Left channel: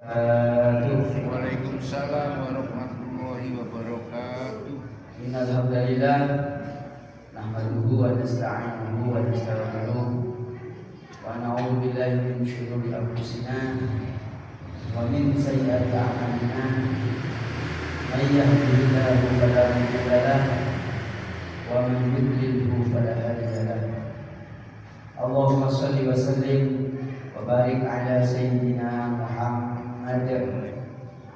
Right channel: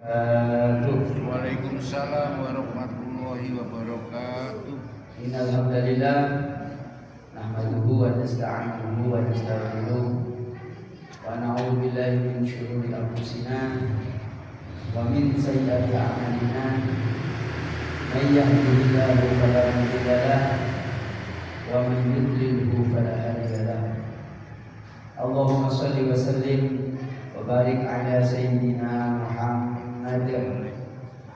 Waalaikumsalam warahmatullahi wabarakatuh. Innal hamdalillah nahmaduhu wa nasta'inuhu wa nastaghfiruh wa na'udzu billahi min shururi anfusina wa min sayyiati a'malina. May yahdihillahu fala mudilla lahu wa man yudlilhu fala hadiya lahu. Allahumma shalli wa sallim wa barik ala sayyidina Muhammad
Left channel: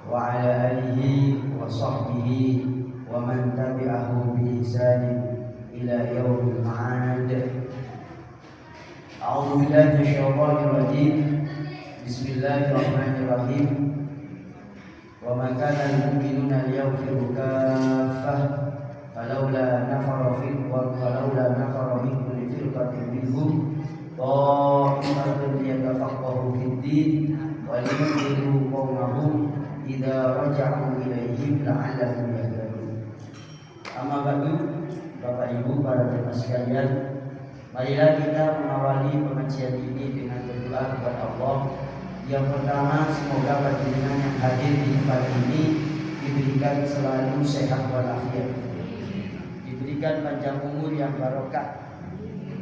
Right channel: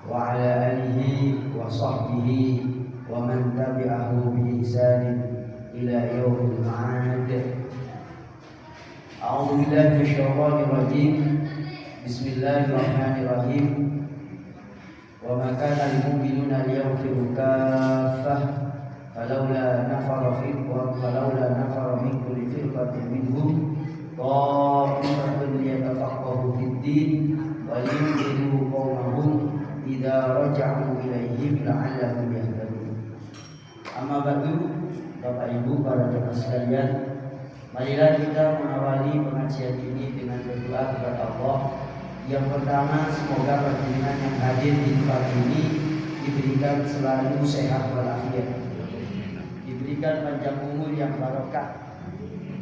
wa ala alihi wa sahbihi wa man tabi'ahu bi ihsanin ila yaumil ma'ad. A'udzu billahi minasyaitonir rajim. Bismillahirrahmanirrahim. Wa ma kana lil mu'minina liyanfiru kaffah falawla nafara min kulli firqatin minhum ta'ifatun liyatafaqahu fid din wa liyunziru qaumahum idza raja'u ilaihim la'allahum yahtadun. Amma ba'du, Bapak Ibu para jemaah sekalian, marilah kita mengawali pengajian ini dengan berdoa kepada Allah. Yang pertama, semoga panjenengan yang hadir di tempat ini diberikan selalu sehat walafiat, diberikan panjang umur yang barokah,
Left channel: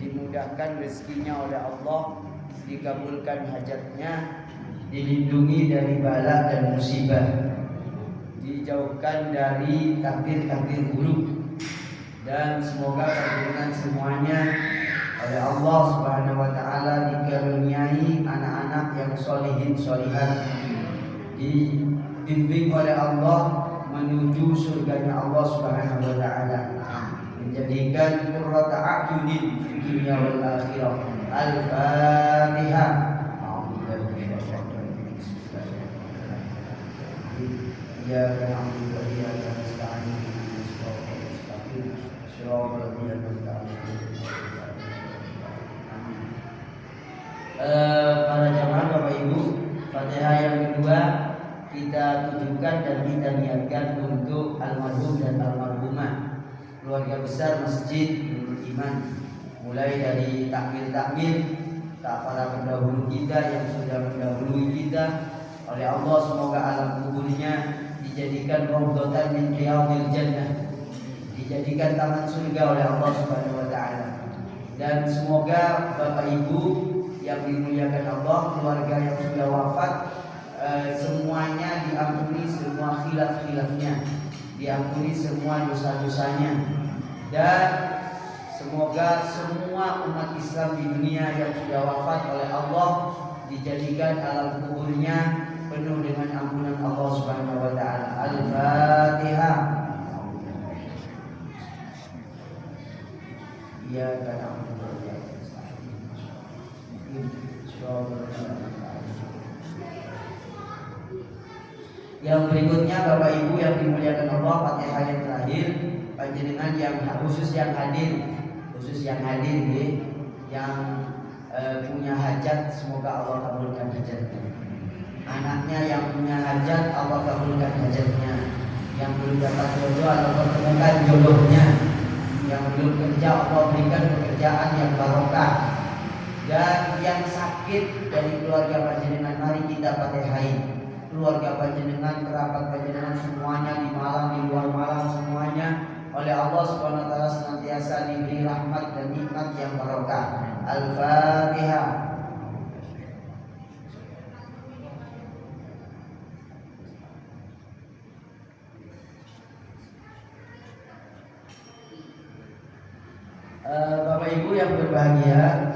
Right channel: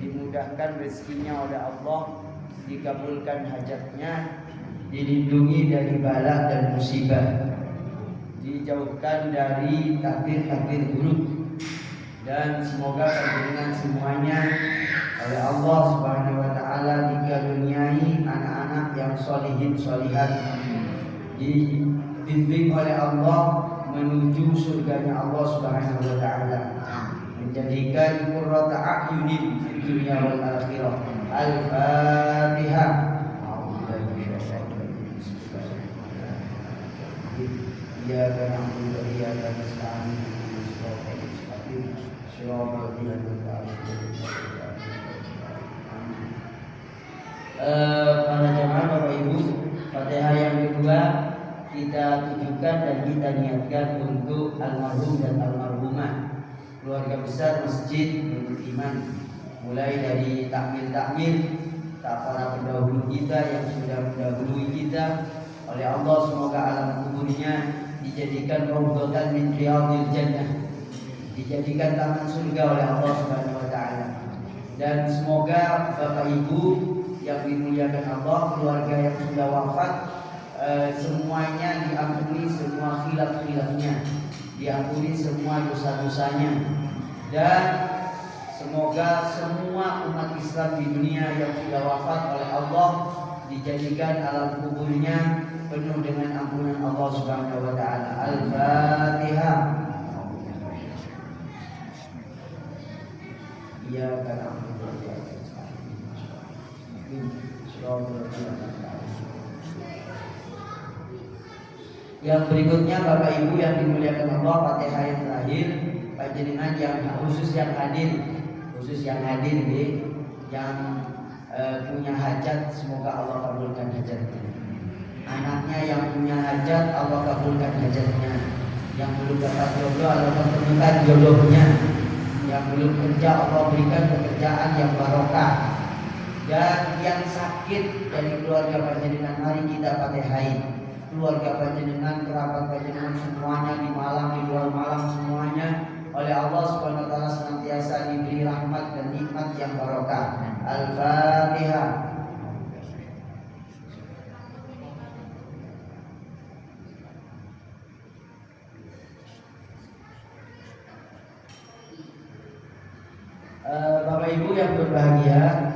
dimudahkan rezekinya oleh Allah, dikabulkan hajatnya, dilindungi dari bala dan musibah, dijauhkan dari takdir-takdir buruk, dan semoga panjenengan semuanya oleh Allah Subhanahu wa taala dikaruniai anak-anak yang sholihin sholihat, dibimbing oleh Allah menuju surganya Allah Subhanahu wa taala, menjadikan qurrata a'yunin fid dunya wal akhirah. Al-Fatihah. Iyyaka na'budu wa iyyaka nasta'in ihdinas siratal mustaqim siratal ladzina an'amta 'alaihim. Para jemaah Bapak Ibu, Fatihah yang kedua kita tujukan dan kita niatkan untuk almarhum dan almarhumah, keluarga besar Masjid Nurul Iman, mulai dari takmir para pendahulu kita yang sudah mendahului kita. Oleh Allah semoga alam kuburnya dijadikan rawdatan min riyadil jannah, dijadikan taman surga oleh Allah Subhanahu wa taala. Dan semoga Bapak Ibu yang dimuliakan Allah, keluarga yang sudah wafat, semuanya diampuni semua khilaf-khilafnya, diampuni semua dosa-dosanya, dan semoga semua umat Islam di dunia yang sudah wafat oleh Allah dijadikan alam kuburnya penuh dengan ampunan Allah Subhanahu wa taala. Al-Fatihah. Iyyaka na'budu wa iyyaka nasta'in. Yang berikutnya Bapak Ibu yang dimuliakan Allah, Fatihah yang terakhir, panjenengan yang khusus yang hadir yang punya hajat, semoga Allah kabulkan hajatnya. Anaknya yang punya hajat, Allah kabulkan hajatnya. Yang belum dapat jodoh, Allah pertemukan jodohnya. Yang belum kerja, Allah berikan pekerjaan yang barokah. Dan yang sakit dari keluarga panjenengan, mari kita Fatihai. Keluarga panjenengan, kerabat panjenengan semuanya di Malang, di luar Malang semuanya oleh Allah Subhanahu wa taala senantiasa diberi rahmat dan nikmat yang barokah. Al-Fatihah. Bapak Ibu yang berbahagia,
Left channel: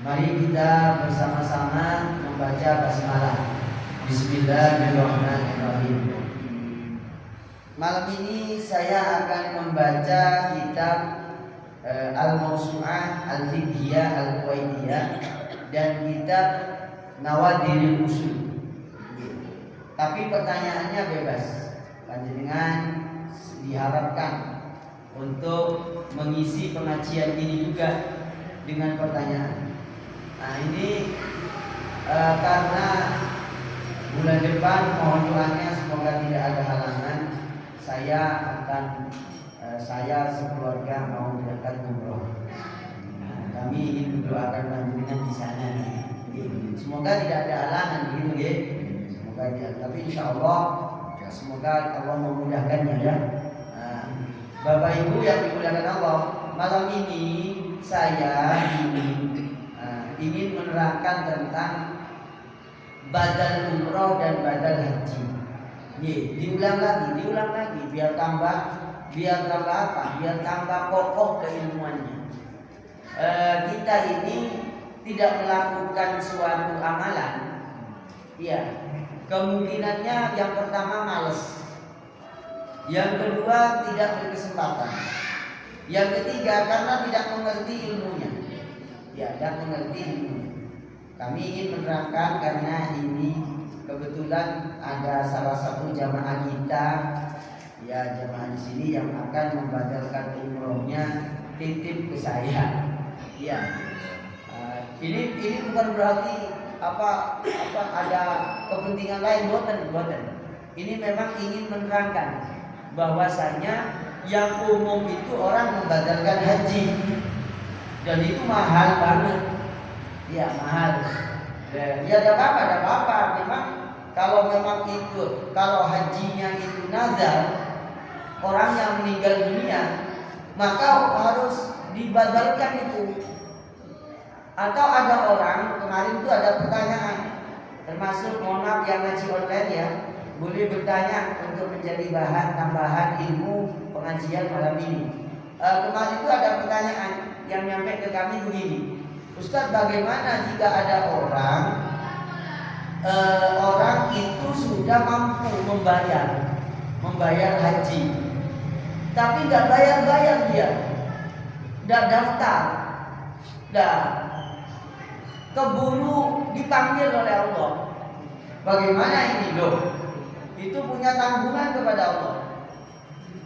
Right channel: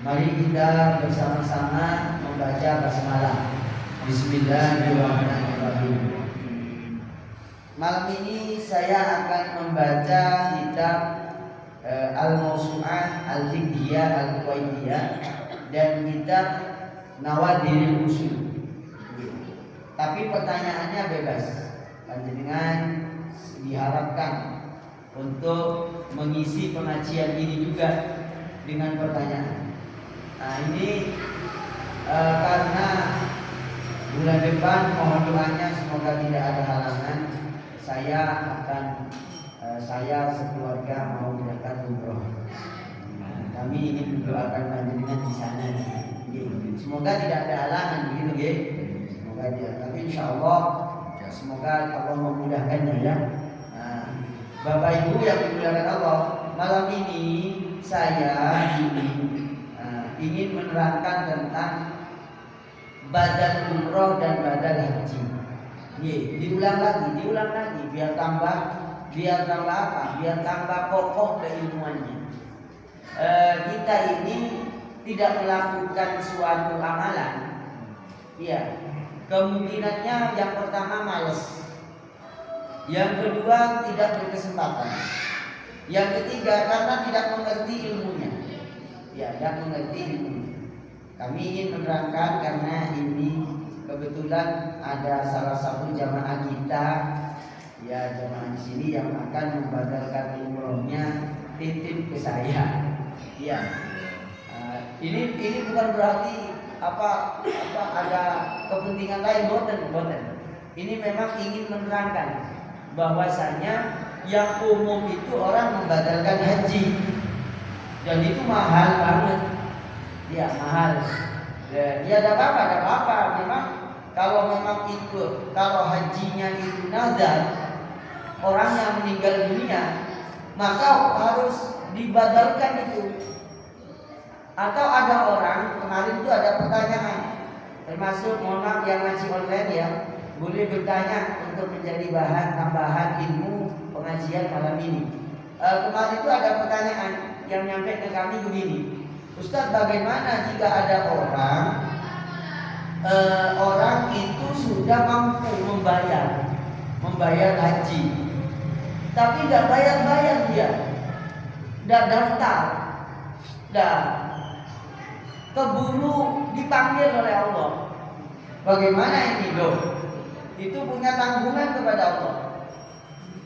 mari kita bersama-sama membaca basmalah. Bismillahirrahmanirrahim. Malam ini saya akan membaca kitab Al-Mawsu'ah Al-Fiqhiyah Al-Kuwaitiyah dan kitab Nawadirul Usul. Tapi pertanyaannya bebas. Panjenengan diharapkan untuk mengisi pengajian ini juga dengan pertanyaan. Nah ini karena bulan depan mohon doanya semoga tidak ada halangan, saya sekeluarga mau berangkat umroh. Kami ingin mendoakan panjenengan di sana. Semoga Semoga tidak ada halangan begitu ya. Semoga tidak. Tapi insya Allah semoga Allah memudahkannya ya. Nah, Bapak Ibu yang dimuliakan Allah, malam ini saya ingin menerangkan tentang badal umroh dan badal haji. Diulang lagi biar tambah apa? Biar tambah kokoh keilmuannya. Kita ini tidak melakukan suatu amalan, ya kemungkinannya yang pertama malas, yang kedua tidak berkesempatan, yang ketiga karena tidak mengerti ilmunya. Tidak mengerti ilmunya. Kami ingin menerangkan karena ini kebetulan ada salah satu jamaah kita, ya jamaah di sini yang akan membadalkan umrohnya, titip ke saya. Ya, ini bukan berarti apa ada kepentingan lain, boten. Ini memang ingin menerangkan bahwasanya yang umum itu orang membadalkan haji dan itu mahal banget. Ya mahal. Ya tidak apa-apa. Memang kalau hajinya itu nazar, orang yang meninggal dunia, maka harus dibadalkan itu. Atau ada orang, kemarin itu ada pertanyaan, termasuk mohon maaf yang ngaji online ya, boleh bertanya untuk menjadi bahan tambahan ilmu pengajian malam ini. Kemarin itu ada pertanyaan yang nyampe ke kami begini, Ustadz, bagaimana jika ada orang itu sudah mampu membayar haji, tapi nggak bayar dia, nggak daftar, keburu dipanggil oleh Allah. Bagaimana ini loh? Itu punya tanggungan kepada Allah.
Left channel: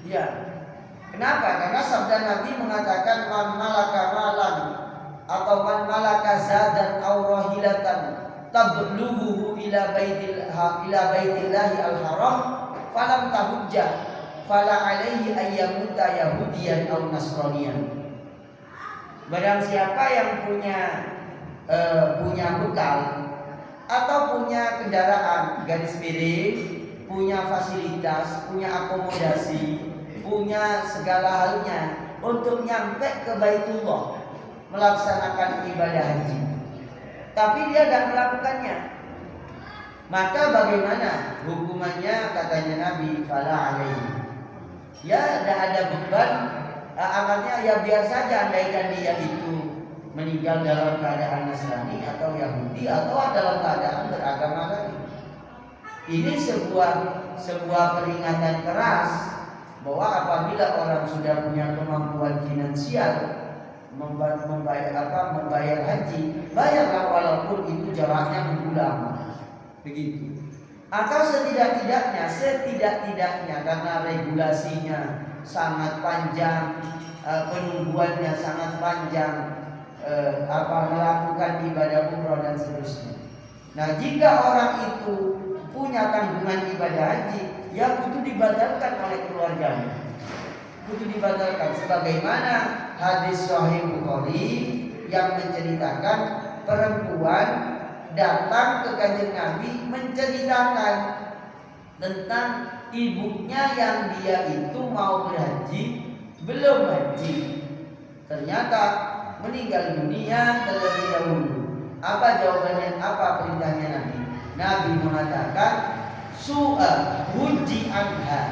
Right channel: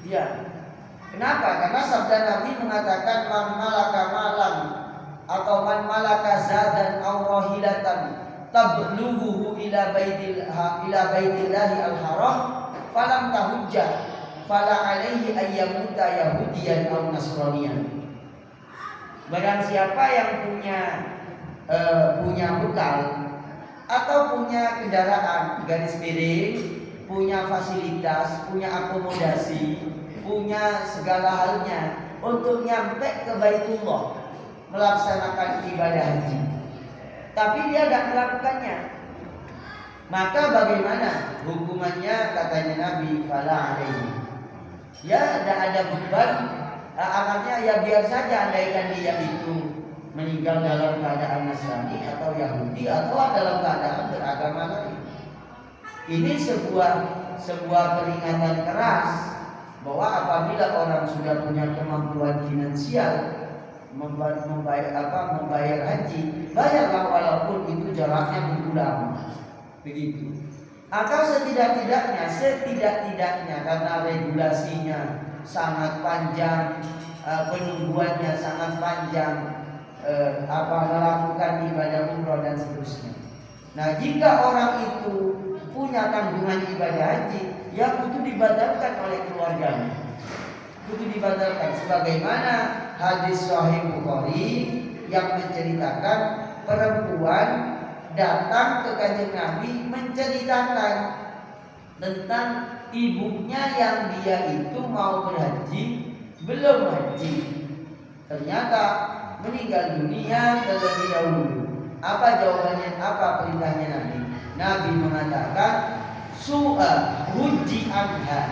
Ya. Kenapa? Karena sabda Nabi mengatakan man malaka malan atau man malaka zadan aw rahilatan tablughuhu ila baitillahi al-haram falam tahujjah fala alaihi ayyamuta yahudiyan aw nasraniyan. Barang siapa yang punya bekal atau punya kendaraan garis miring, punya fasilitas, punya akomodasi, punya segala halnya untuk nyampe ke Baitullah melaksanakan ibadah haji, tapi dia tidak melakukannya, maka bagaimana hukumannya? Katanya Nabi, fala alaihi, ya tidak ada beban amalnya, ya biar saja andaikan dia itu meninggal dalam keadaan Nasrani atau Yahudi atau dalam keadaan beragama lain. Ini sebuah peringatan keras bahwa apabila orang sudah punya kemampuan finansial membayar haji, bayarlah walaupun itu jaraknya mengulang, begitu. Atau setidak-tidaknya karena regulasinya sangat panjang, penungguannya sangat panjang, melakukan ibadah umroh dan seterusnya. Nah, jika orang itu punya tanggungan ibadah haji, ya itu dibatalkan oleh keluarganya. Itu dibatalkan sebagaimana hadis Sahih Bukhari yang menceritakan perempuan datang ke Kanjeng Nabi menceritakan tentang ibunya yang dia itu mau berhaji, belum haji, ternyata meninggal dunia terlebih dahulu. Apa jawabannya? Apa perintahnya Nabi? Nabi mengatakan huji anha.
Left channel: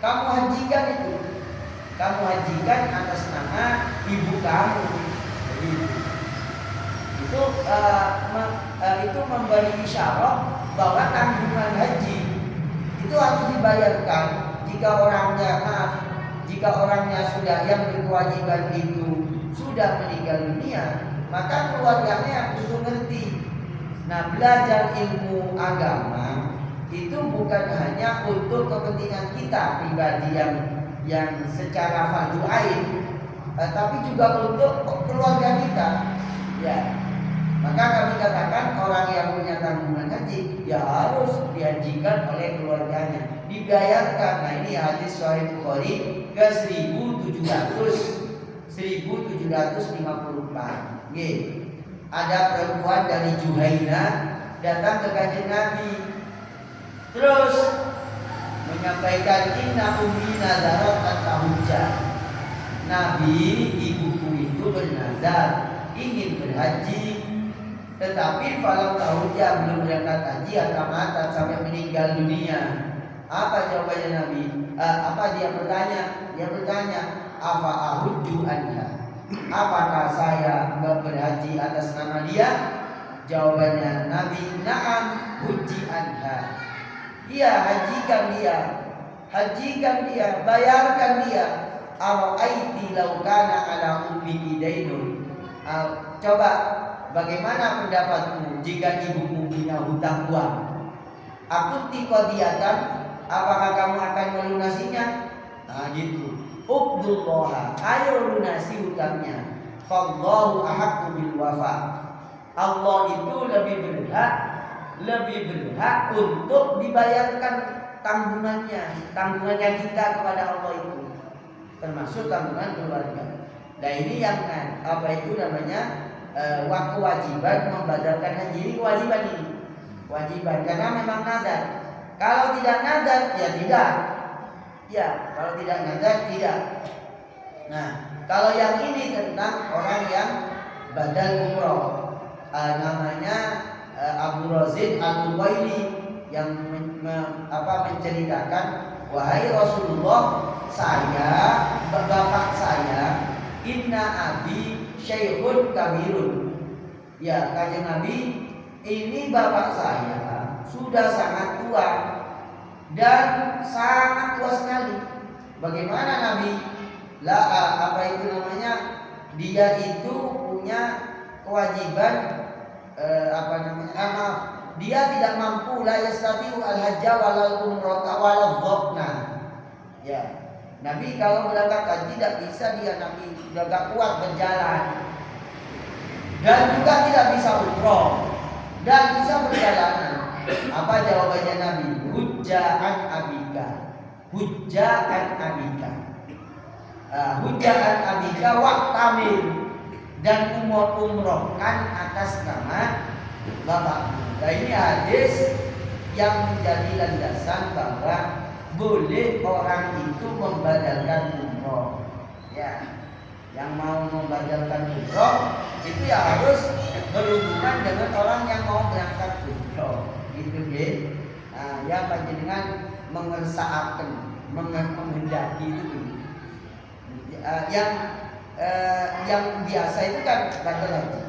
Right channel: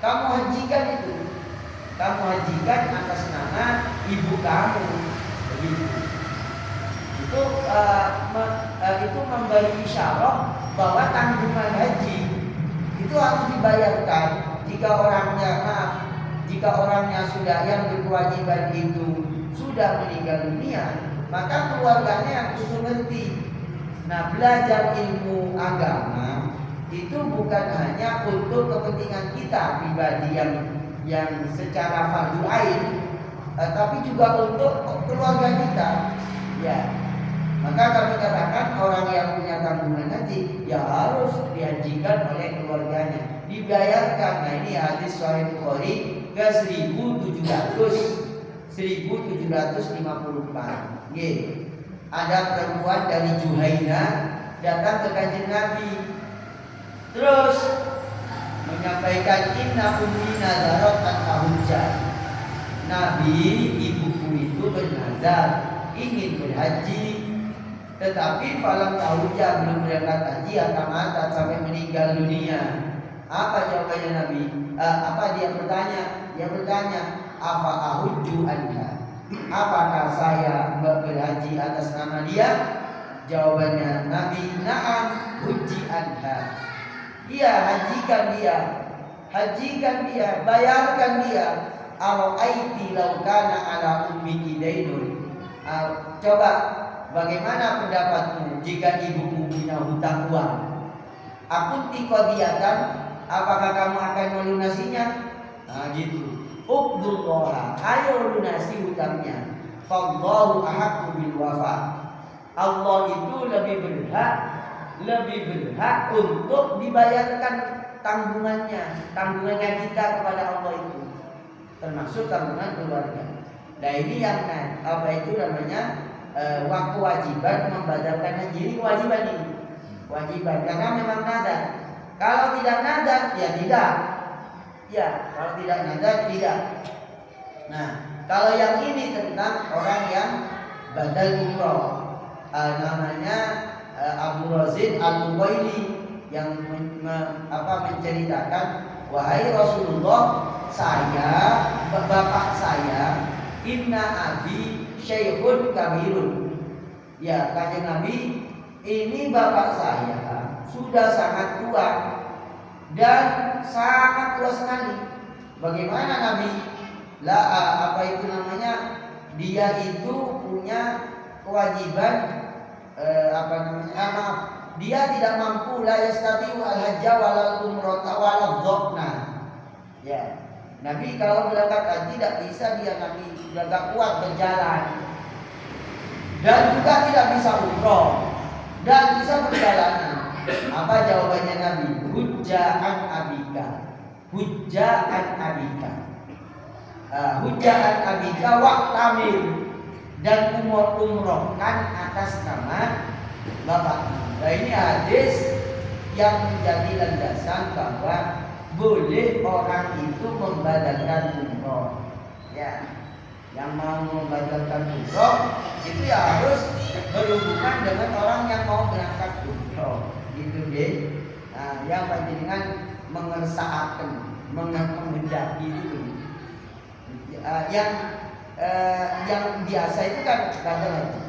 Kamu hajikan itu. Kamu hajikan atas nama ibu kamu. Begitu. Itu memberi isyarat bahwa tanggungan haji itu harus dibayarkan jika orangnya sudah yang berkewajiban itu sudah meninggal dunia, maka keluarganya yang kudu ngerti. Nah, belajar ilmu agama itu bukan hanya untuk kepentingan kita pribadi yang secara fardu ain, tapi juga untuk keluarga kita. Ya, maka kami katakan orang yang punya tanggungan haji ya harus dihajikan oleh keluarganya, dibayarkan. Nah, ini hadis Sahih Bukhari ke 1754. ada perempuan dari Juhaina datang ke Kanjeng Nabi, terus menyampaikan inna ummi nazarat an tahujjah. Nabi, ibuku itu bernazar ingin berhaji, tetapi falam tahujjah, belum berangkat haji atau mati sampai meninggal dunia. Apa jawabannya Nabi? Apa dia bertanya? Dia bertanya, afa ahujju anha? Apakah saya berhaji atas nama dia? Jawabannya Nabi, na'am hujji anha. Iya, hajikan dia. Hajikan dia, bayarkan dia. Ara'aiti law kana ala ummiki dainun. Coba bagaimana pendapatmu jika ibumu punya hutang uang? Akunti qadiyatan, apakah kamu akan melunasinya? Nah gitu. Uqdullah, ayo lunasi hutangnya. Fallahu ahaqqu bil wafa. Allah itu lebih berhak untuk dibayarkan tanggungannya kita kepada Allah itu, termasuk tanggungan keluarga. Nah ini yang apa itu namanya kewajiban membatalkan haji. Ini kewajiban ini, kewajiban karena memang nadar. Kalau tidak nadar ya tidak. Ya, kalau tidak nadar tidak. Nah, kalau yang ini tentang orang yang badal umroh, namanya Abu Razin Al-Mubaili yang menceritakan, wahai Rasulullah, bapak saya, inna abi syekhun kabirun. Ya, Kanjeng Nabi, ini bapak saya sudah sangat tua dan sangat tua sekali. Bagaimana Nabi? Apa itu namanya? Dia itu punya kewajiban maaf, dia tidak mampu, la yastati'u al-hajja walal umrata walal dhokna. Ya, Nabi kalau berangkat haji tidak bisa dia, Nabi sudah gak kuat berjalan dan juga tidak bisa umroh dan bisa berjalan. Apa jawabannya Nabi? Hujja'an abika. Hujja'an abika. Hujja'an abika waqtamil, dan umrohkan atas nama bapak. Nah ini hadis yang menjadi landasan bahwa boleh orang itu membadalkan umroh. Ya, yang mau membadalkan umroh itu ya harus berhubungan dengan orang yang mau berangkat umroh. Gitu deh. Nah, yang panjenengan mengersaaken, menghendaki itu. Yang biasa itu kan badal haji.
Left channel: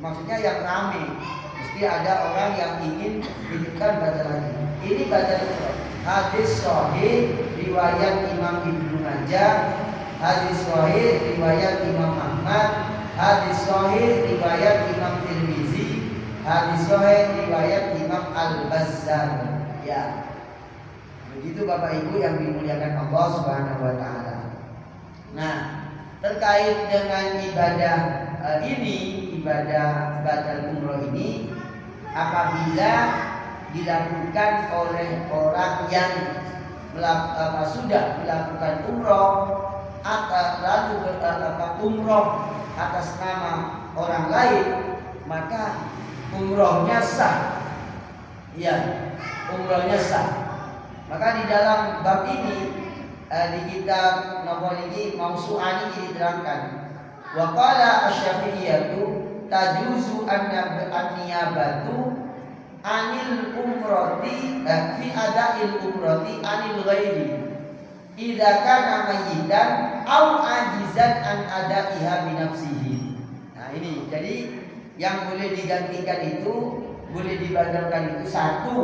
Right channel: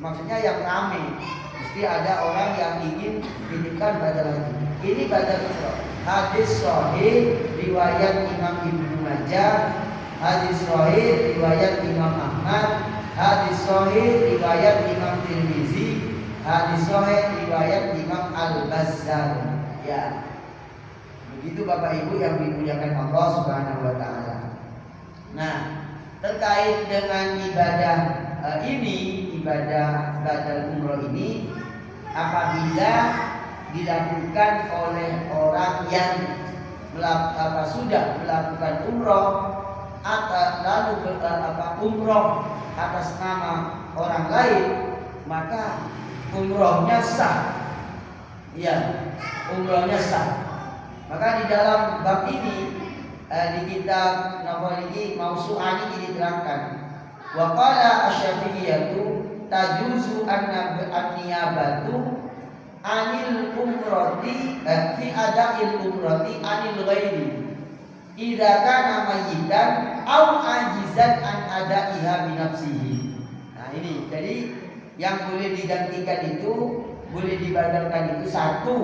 Maksudnya yang rame. Mesti ada orang yang ingin menitipkan badal haji. Ini badal umroh. Hadis sahih riwayat Imam Ibnu Majah, hadis sahih riwayat Imam Ahmad, hadis sahih riwayat Imam Tirmizi, hadis sahih riwayat Imam Al-Bazzar. Ya. Begitu Bapak Ibu yang dimuliakan Allah Subhanahu wa taala. Nah, terkait dengan ibadah ibadah badal umroh ini, apabila dilakukan oleh orang yang sudah melakukan umroh lalu umroh atas nama orang lain, maka umrohnya sah. Ya, umrohnya sah. Maka di dalam bab ini di kitab Nawawi Mausu'ani ini diterangkan, wa qala asy-Syafi'iyyatu tajuzu an-niyabatu anil umrati fi ada'il umrati anil ghairi idza kana mayyitan aw ajizan an ada'iha bi nafsihi. Nah ini jadi yang boleh digantikan itu, boleh dibadalkan itu satu,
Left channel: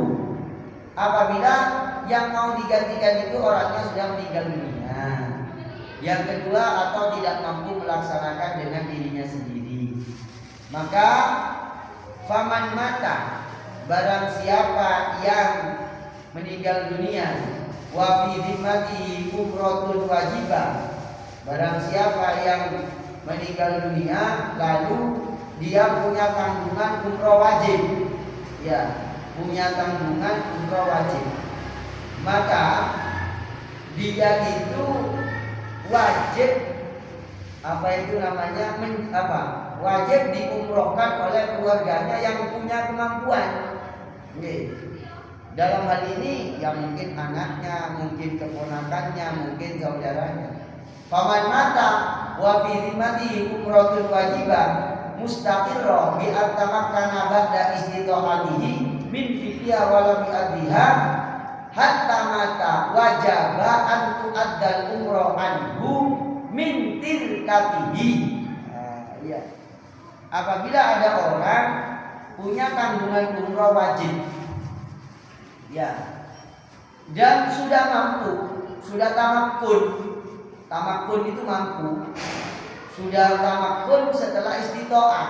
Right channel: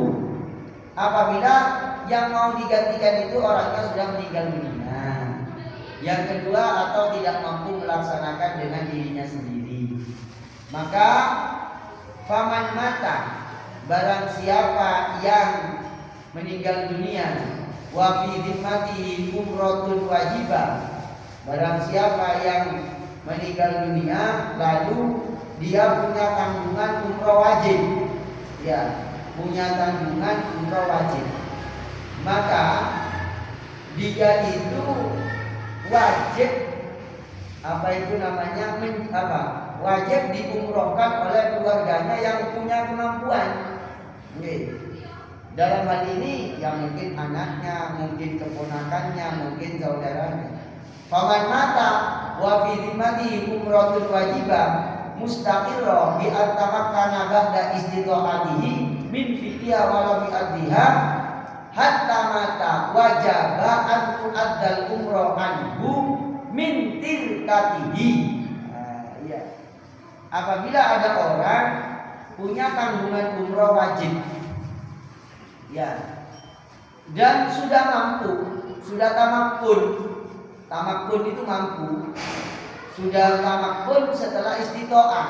apabila yang mau digantikan itu orangnya sudah meninggal dunia. Yang kedua, atau tidak mampu melaksanakan dengan dirinya sendiri. Maka faman mata, barang siapa yang meninggal dunia, wa fi dhimmati umratun wajibah, barang siapa yang meninggal dunia lalu dia punya tanggungan umrah wajib, ya, punya tanggungan umrah wajib, maka dia itu wajib apa itu namanya wajib diumrohkan oleh keluarganya yang punya kemampuan. Dalam hal ini ya mungkin anaknya, mungkin keponakannya, mungkin saudaranya. Faman mata wa fi zimmatihi umratul wajibah mustaqirra bi antamakkana ba'da istita'atihi min fi'liha wa lam yu'addiha hatta mata wajaba an tu'addal umrah anhu min tilkatihi. Ya. Apabila ada orang punya tanggungan umrah wajib, ya, dan sudah mampu, sudah tamakun. Tamakun itu mampu, sudah tamakun setelah istitoah,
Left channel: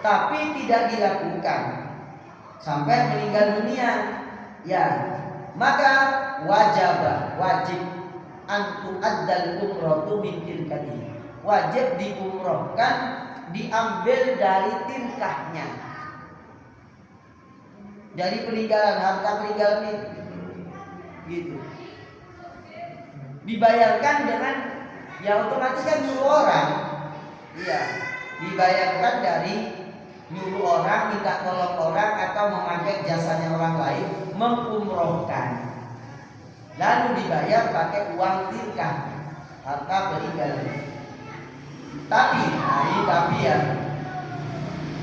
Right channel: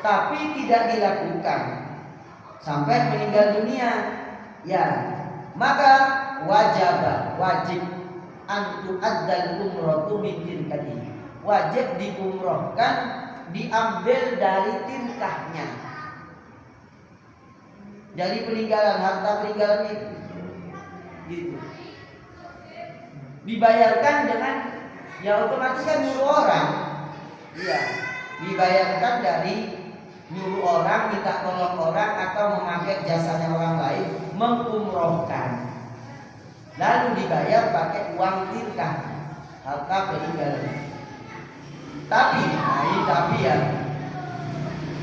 tapi tidak dilakukan sampai meninggal dunia, ya, maka wajib antu addal umratu min tilkatihi, wajib diumrohkan, diambil dari tilkahnya, dari peninggalan, harta peninggalan itu, gitu. Dibayarkan dengan, ya otomatis kan nyuruh orang, iya, dibayarkan dari nyuruh orang, minta tolong orang, atau memakai jasanya orang lain mengumrohkan, lalu dibayar pakai uang tilkah, harta peninggalan. Tapi ya,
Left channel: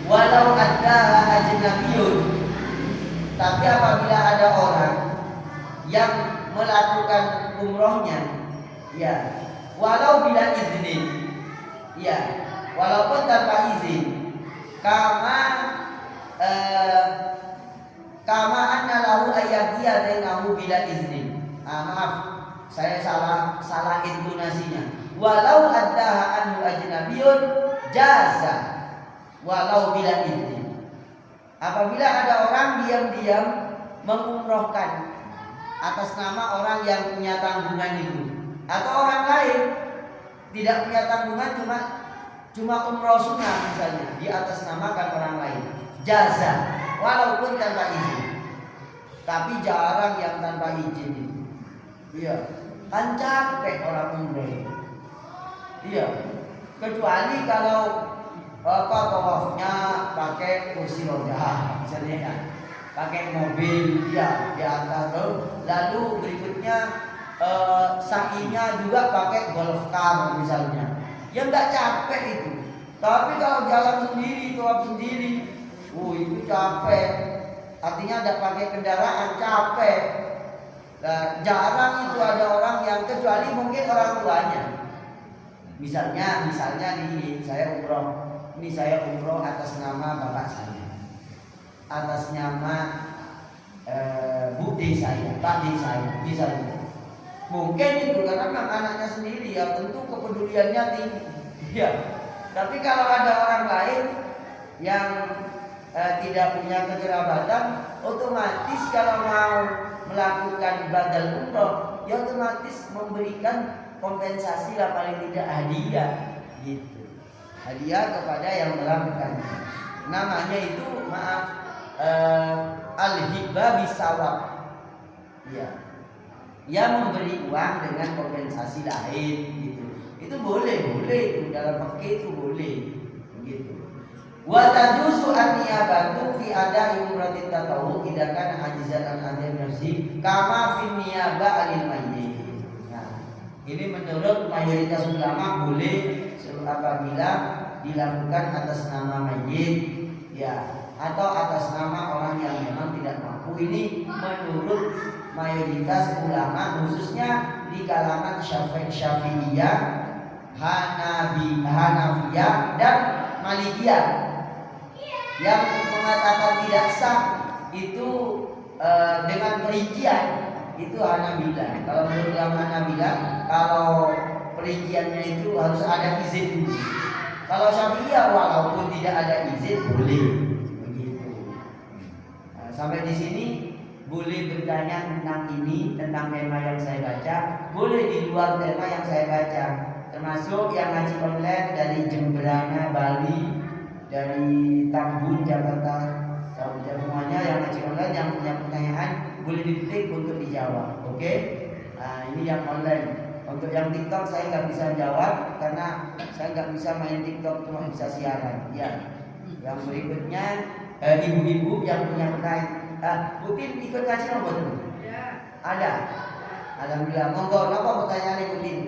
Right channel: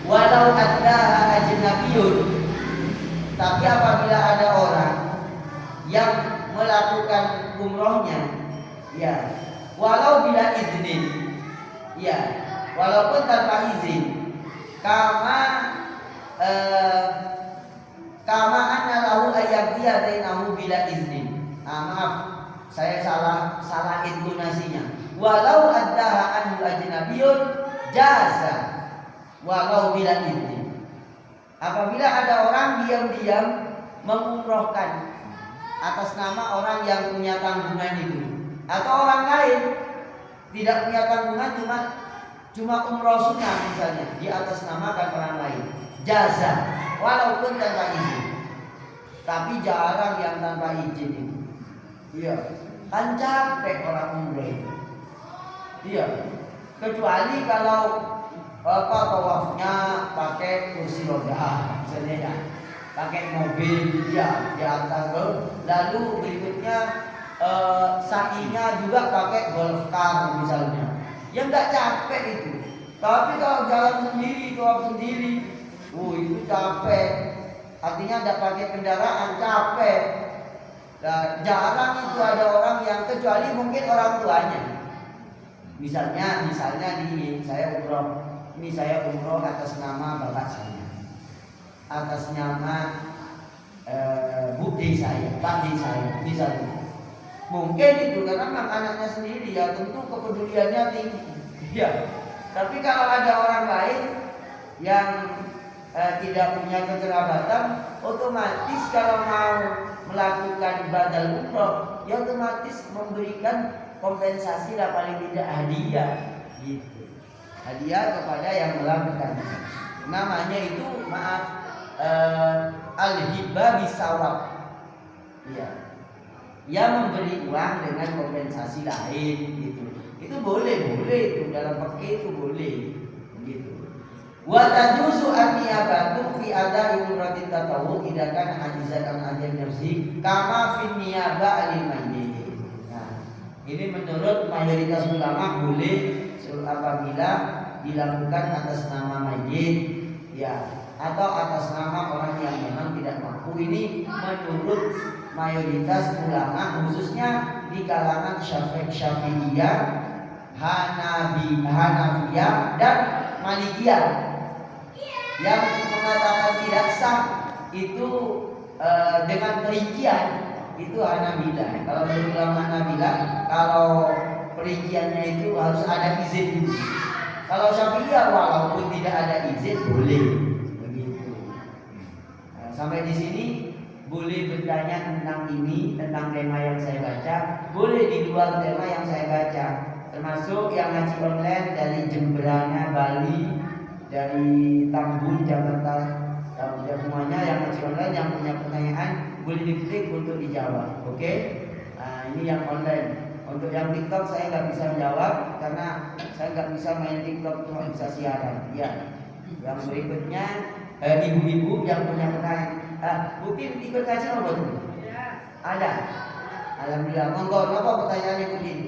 walau ada ajnabiyun, tapi apabila ada orang yang melakukan umrohnya, ya, walau bila iznin, ya, walaupun tanpa izin, kama anna lahu ayyabdiya dainahu bila iznin. Maaf, saya salah intonasinya. Walau addaha anhu ajnabiyun jaza walau bila iznin. Apabila ada orang diam-diam mengumrohkan atas nama orang yang punya tanggungan itu, atau orang lain tidak punya tanggungan, cuma umroh sunnah misalnya, di atas namakan orang lain, jaza walaupun tanpa izin. Tapi jarang yang tanpa izin itu. Iya, kan capek orang umroh itu. Iya, kecuali kalau tawafnya pakai kursi roda misalnya, ya, pakai mobil, ya, di atas, lalu berikutnya sa'inya juga pakai golf car misalnya, ya nggak capek itu. Tapi kalau jalan sendiri, tawaf sendiri, itu capek. Artinya nggak pakai kendaraan, capek. Nah, jarang itu ada orang yang, kecuali mungkin orang tuanya. Misalnya nih, saya umroh atas nama bapak saya, atas nama bude saya, pak de saya, misalnya. Mungkin itu karena memang anaknya sendiri, ya tentu kepeduliannya tinggi. Ya. Tapi kalau ada orang lain yang tidak punya kekerabatan, otomatis kalau mau melakukan badal umroh, ya otomatis memberikan kompensasi lah, paling tidak hadiah, gitu. Hadiah kepada yang melakukan. Namanya itu, maaf, al-hibah bisawab. Iya. Ya, memberi uang dengan kompensasi lain, gitu. Itu boleh itu dalam fikih, itu boleh, gitu. Wa tajuzu an-niyabatu fi ada'i umratit tatawwu idza kana ajizan an ajal nafsi kama fi niyabah alil mayyit. Ini menurut mayoritas ulama boleh apabila dilakukan atas nama mayit, ya, atau atas nama orang yang memang tidak mampu. Ini menurut mayoritas ulama, khususnya di kalangan Syafi'iyah, Hanafiyah dan Malikiyah, yang mengatakan tidak sah itu dengan perincian. Itu Hanabilah. Kalau menurut ulama Hanabilah, kalau perinciannya itu harus ada izin. Kalau Syafi'iyah walaupun tidak ada izin boleh, begitu. Sampai di sini boleh bertanya tentang ini, tentang tema yang saya baca. Boleh di luar tema yang saya baca, termasuk yang ngaji online dari Jemberana, Bali, dari Tambun, Jakarta. Semuanya yang ngaji online yang punya pertanyaan boleh diketik untuk dijawab. Oke? Nah, ini yang online. Untuk yang TikTok saya nggak bisa jawab karena saya nggak bisa main TikTok, cuma bisa siaran. Ya. Yang berikutnya ibu-ibu yang punya pertanyaan. Putin ikut ngaji apa tuh? Ada. Alhamdulillah. Monggo, apa pertanyaan Ibu Tin?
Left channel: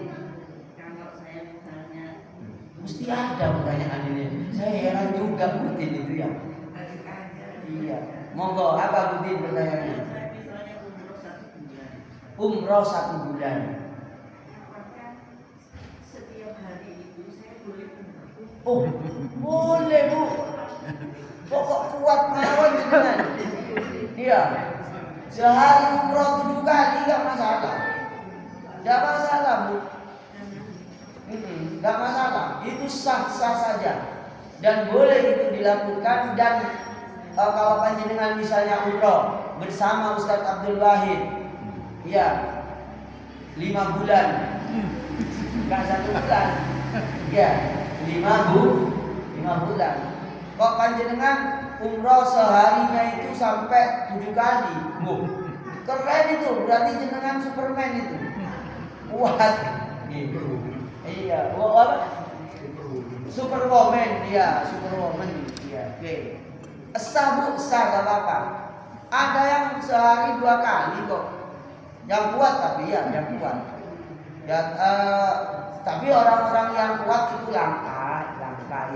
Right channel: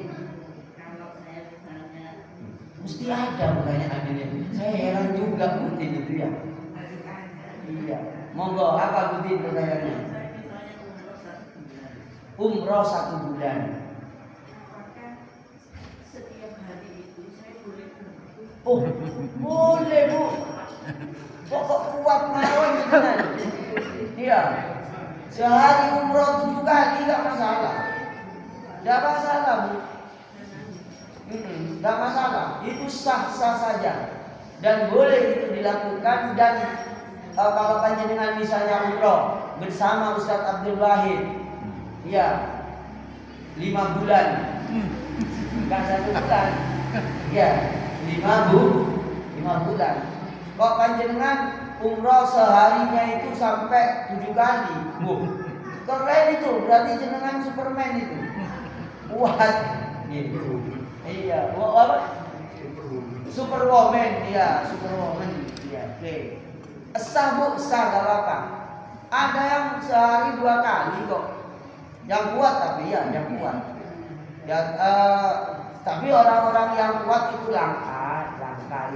Kalau saya misalnya Mesti ada pertanyaan ini. Saya heran juga Putin itu ya. Iya. Monggo, apa Putin pertanyaannya? saya misalnya umroh 1 bulan, Umroh 1 bulan. apakah setiap hari itu saya boleh umroh? Oh, boleh Bu. Pokok kuat mawon jenengan. Iya. Sehari umroh 7 kali nggak masalah. Nggak masalah Bu. Nggak masalah. Itu sah-sah saja. Dan boleh itu dilakukan. Dan kalau panjenengan misalnya umroh bersama Ustadz Abdul Wahid, ya 5 bulan, nggak 1 bulan, ya 5 bulan. Kok panjenengan umroh seharinya itu sampai 7 kali, keren itu, berarti jenengan Superman itu, kuat, gitu. Iya, apa? Superwoman, iya, Superwoman, iya, oke. Sah Bu, sah gak apa-apa. Ada yang sehari 2 kali kok. Yang kuat tapi ya, yang kuat. Ya, tapi orang-orang yang kuat itu langka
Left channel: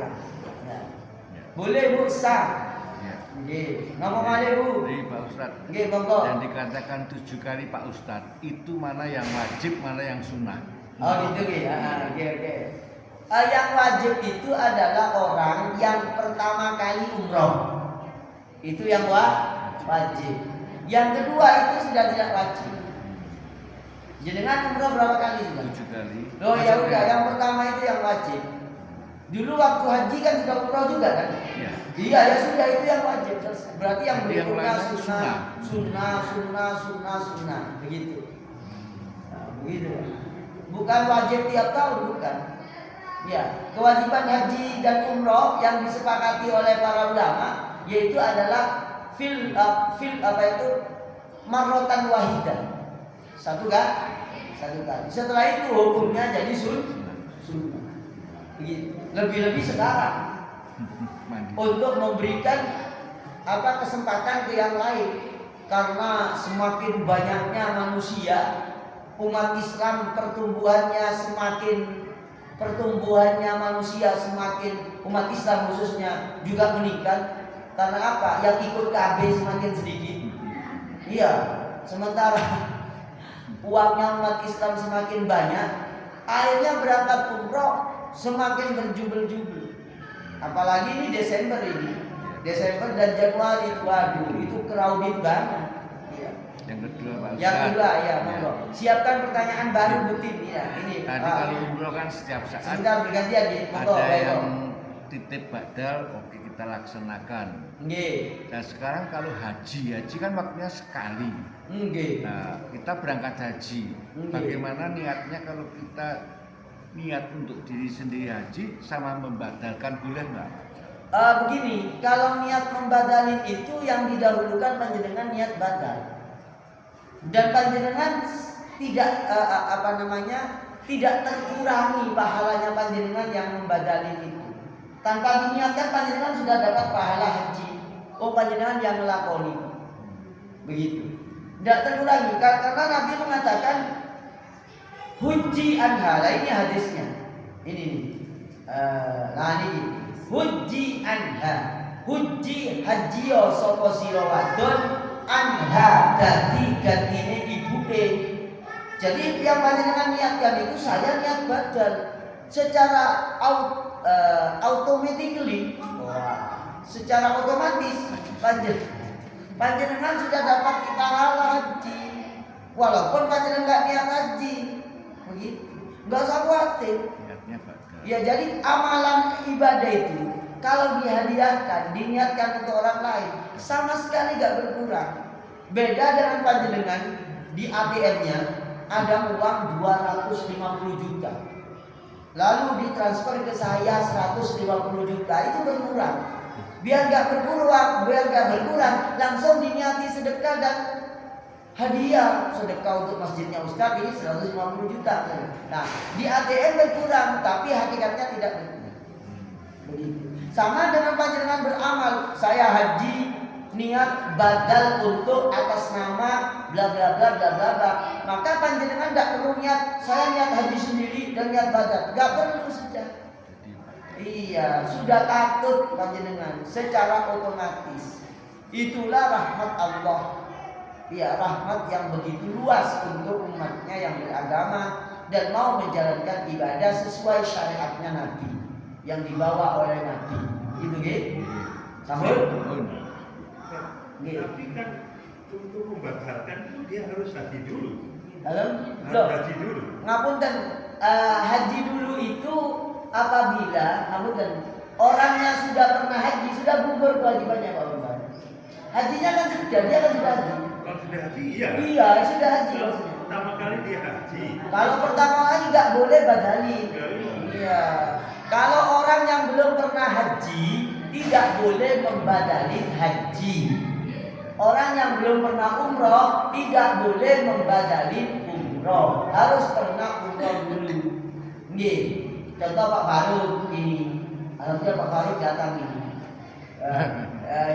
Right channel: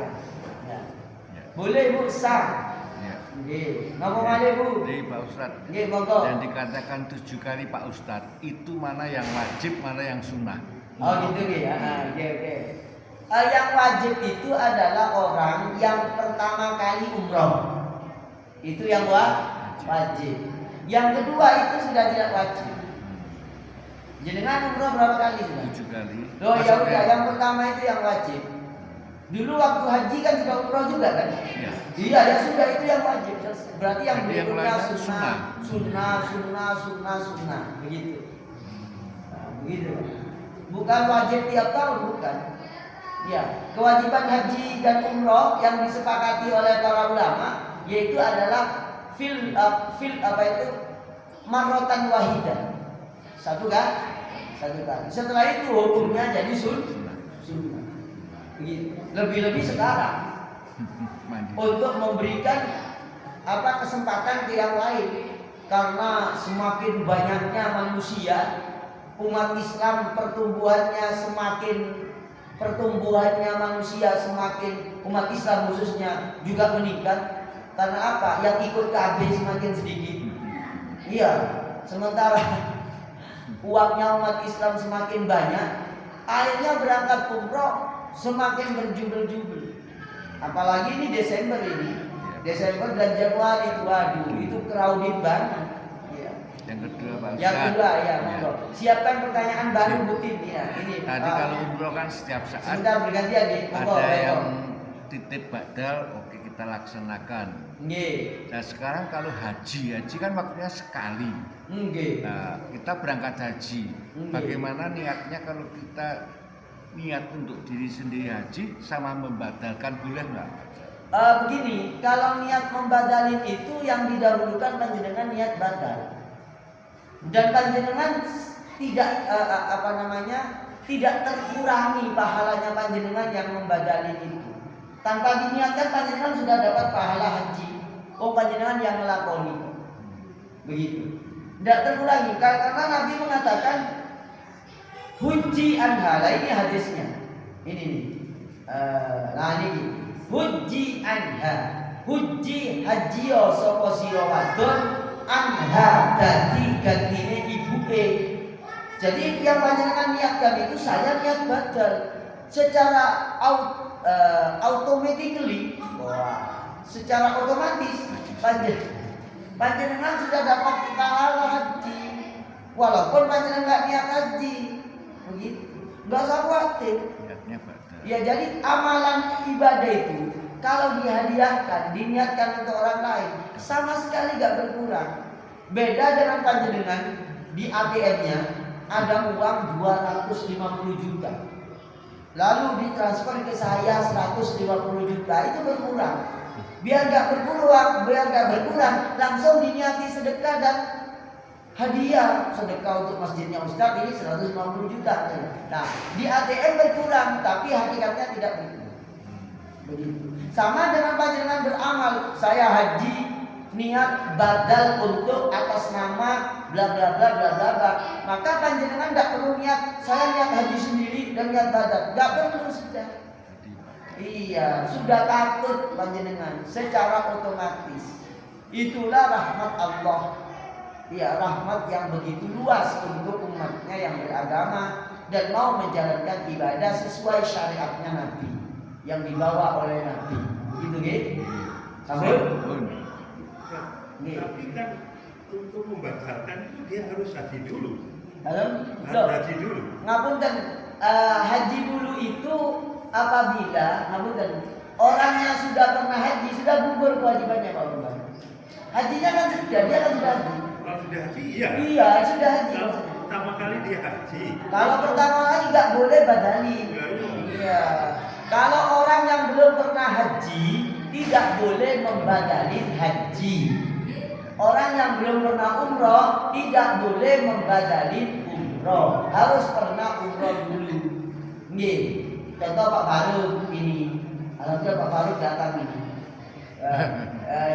ya. Ya. Boleh Bu, sah. Nggih. Napa malih Bu? Jadi Pak Ustadz, Nggih, monggo. yang dikatakan 7 kali Pak Ustadz, itu mana yang wajib, mana yang sunnah? Oh gitu nggih ya. Oke. Yang wajib itu adalah orang yang pertama kali umroh. Itu yang wajib. Yang kedua itu sudah tidak wajib. Jenengan umroh berapa kali sudah? 7 kali. Oh ya udah, yang pertama itu yang wajib. Dulu waktu haji kan sudah umroh juga kan? Ya. Iya ya sudah, itu yang wajib. Berarti yang berikutnya lainnya sunnah. Begitu. Nah, begitu. Bukan wajib tiap tahun, bukan. Ya, kewajiban haji dan umroh yang disepakati oleh para ulama yaitu adalah fil apa itu marrotan wahidah. Satu kali. Setelah itu hukumnya jadi sunnah. Begitu. Lebih-lebih sekarang untuk memberikan kesempatan ke yang lain, karena semakin banyaknya manusia, umat Islam pertumbuhannya manusia semakin, umat Islam khususnya juga meningkat. Karena apa? Yang ikut KB semakin sedikit. Iya, sementara uangnya umat Islam semakin banyak, akhirnya berangkat umroh semakin berjubel-jubel. Apalagi ini Desember dan Januari itu, waduh, itu crowded banget. Iya. Yang kedua Pak Ustadz. Yang kedua ya, monggo. Siapkan pertanyaan baru Butin ya. Ini. Tadi kalau umroh kan setiap saat. Sebentar bergantian nih. Monggo, Ada baik. yang titik badal, oke kita laksanakan. Nggih. Nah sekarang kalau haji kan waktunya sekali. Nggih. Nah kita berangkat haji. Nggih. Bagaimana niatnya kalau kita niat untuk diri sendiri haji sama membadalkan, boleh nggak? Begini, kalau niat membadalin itu yang didahulukan panjenengan niat badal. Dan panjenengan tidak tidak terkurangi pahalanya panjenengan yang membadalin itu. Tanpa diniatkan panjenengan sudah dapat pahala haji. Oh, panjenengan yang melakoni. Begitu. Tidak terkurangi karena Nabi mengatakan huji anha. Ini hadisnya. Ini nih. Ini huji anha. Huji hajiyo sapa sira wadon anha dadi gantine ibuke. Jadi yang panjenengan niatkan itu saya niat badal secara automatically, secara otomatis panjenengan sudah dapat pahala haji, walaupun panjenengan nggak niat haji, begitu, nggak usah khawatir. Ya jadi amalan ibadah itu kalau dihadiahkan, diniatkan untuk orang lain, sama sekali nggak berkurang. Beda dengan panjenengan di ATM-nya ada uang 250 juta. Lalu ditransfer ke saya 150 juta, itu berkurang. Biar nggak berkurang, langsung diniati sedekah dan hadiah sedekah untuk masjidnya Ustadz ini 150 juta. Nah, di ATM berkurang, tapi hakikatnya tidak berkurang. Begitu. Sama dengan panjenengan beramal, saya haji niat badal untuk atas nama bla bla bla bla bla bla, maka panjenengan tidak perlu niat saya niat haji sendiri dan niat badal, nggak perlu sudah. Iya, sudah takut panjenengan secara otomatis. Itulah rahmat Allah. Iya, rahmat yang begitu luas untuk umatnya yang beragama dan mau menjalankan ibadah sesuai syariatnya Nabi yang dibawa oleh Nabi. Gitu, gitu. Sambung. Tapi kan untuk membatalkan itu dia harus haji dulu. Harus haji dulu. Ngapunten, haji dulu itu apabila orangnya sudah pernah haji, sudah gugur kewajibannya Pak Bambang. Hajinya kan sudah, dia kan sudah haji. Kalau sudah haji, iya. Iya, sudah haji maksudnya. Pertama kali dia haji. Kalau pertama kali nggak boleh badalin. Iya. Kalau orang yang belum pernah haji tidak boleh membadalin haji. Orang yang belum pernah umroh tidak boleh membadalin umroh. Harus pernah umroh dulu. Nggih. Contoh Pak Faruk ini. Alhamdulillah Pak Faruk datang ini.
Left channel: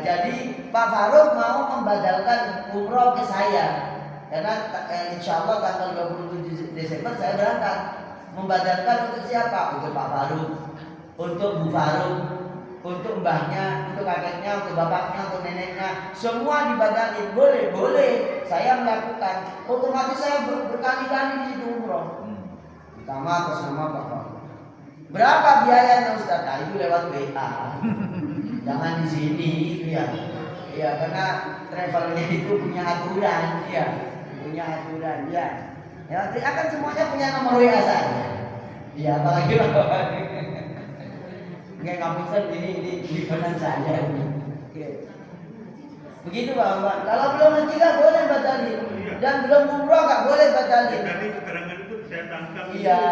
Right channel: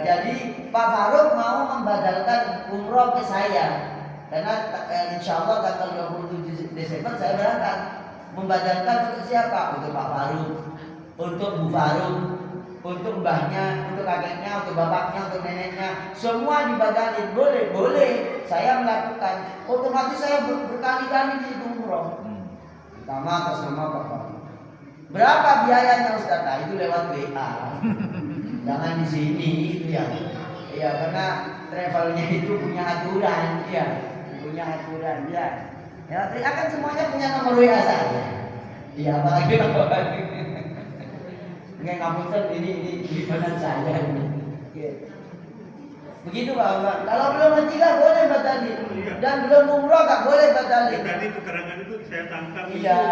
Jadi Pak Faruk mau membadalkan umroh ke saya. Karena insya Allah tanggal 27 Desember saya berangkat. Membadalkan untuk siapa? Untuk Pak Faruk, untuk Bu Faruk, untuk mbahnya, untuk kakeknya, untuk bapaknya, untuk neneknya. Semua dibadalin. Boleh, boleh. Saya melakukan. Otomatis saya berkali-kali di situ umroh. Pertama atas nama Pak Faruk. Berapa biayanya Ustaz? Nah, itu lewat WA. Jangan di sini, ya. Iya, karena travelnya itu punya aturan, ya. Punya aturan, ya. Ya, akan semuanya punya nomor WA saya. Iya, apalagi Bapak. Enggak ngapunten ini benar saya ini. Oke. Begitu Bapak. Kalau belum haji enggak boleh batalin. Dan belum umroh enggak boleh batalin. Tadi keterangan itu saya tangkap. Iya.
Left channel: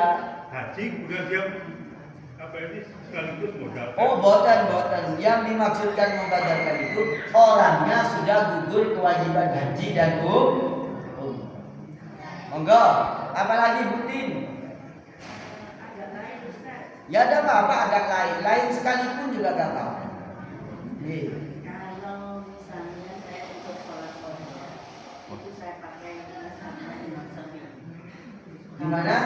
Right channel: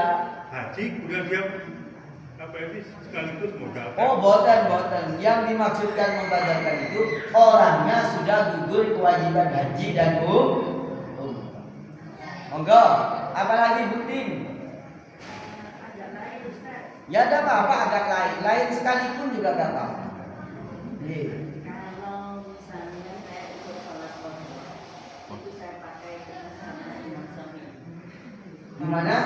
Haji kemudian dia apa ini sekaligus modal. Oh, boten. Yang dimaksudkan membadalkan itu orangnya sudah gugur kewajiban haji dan umroh. Monggo, apalagi Butin? Ya ada apa-apa agak lain sekalipun juga gak apa-apa. Kalau misalnya saya untuk sholat qadha, itu saya pakai sama Imam Syafi'i. Gimana?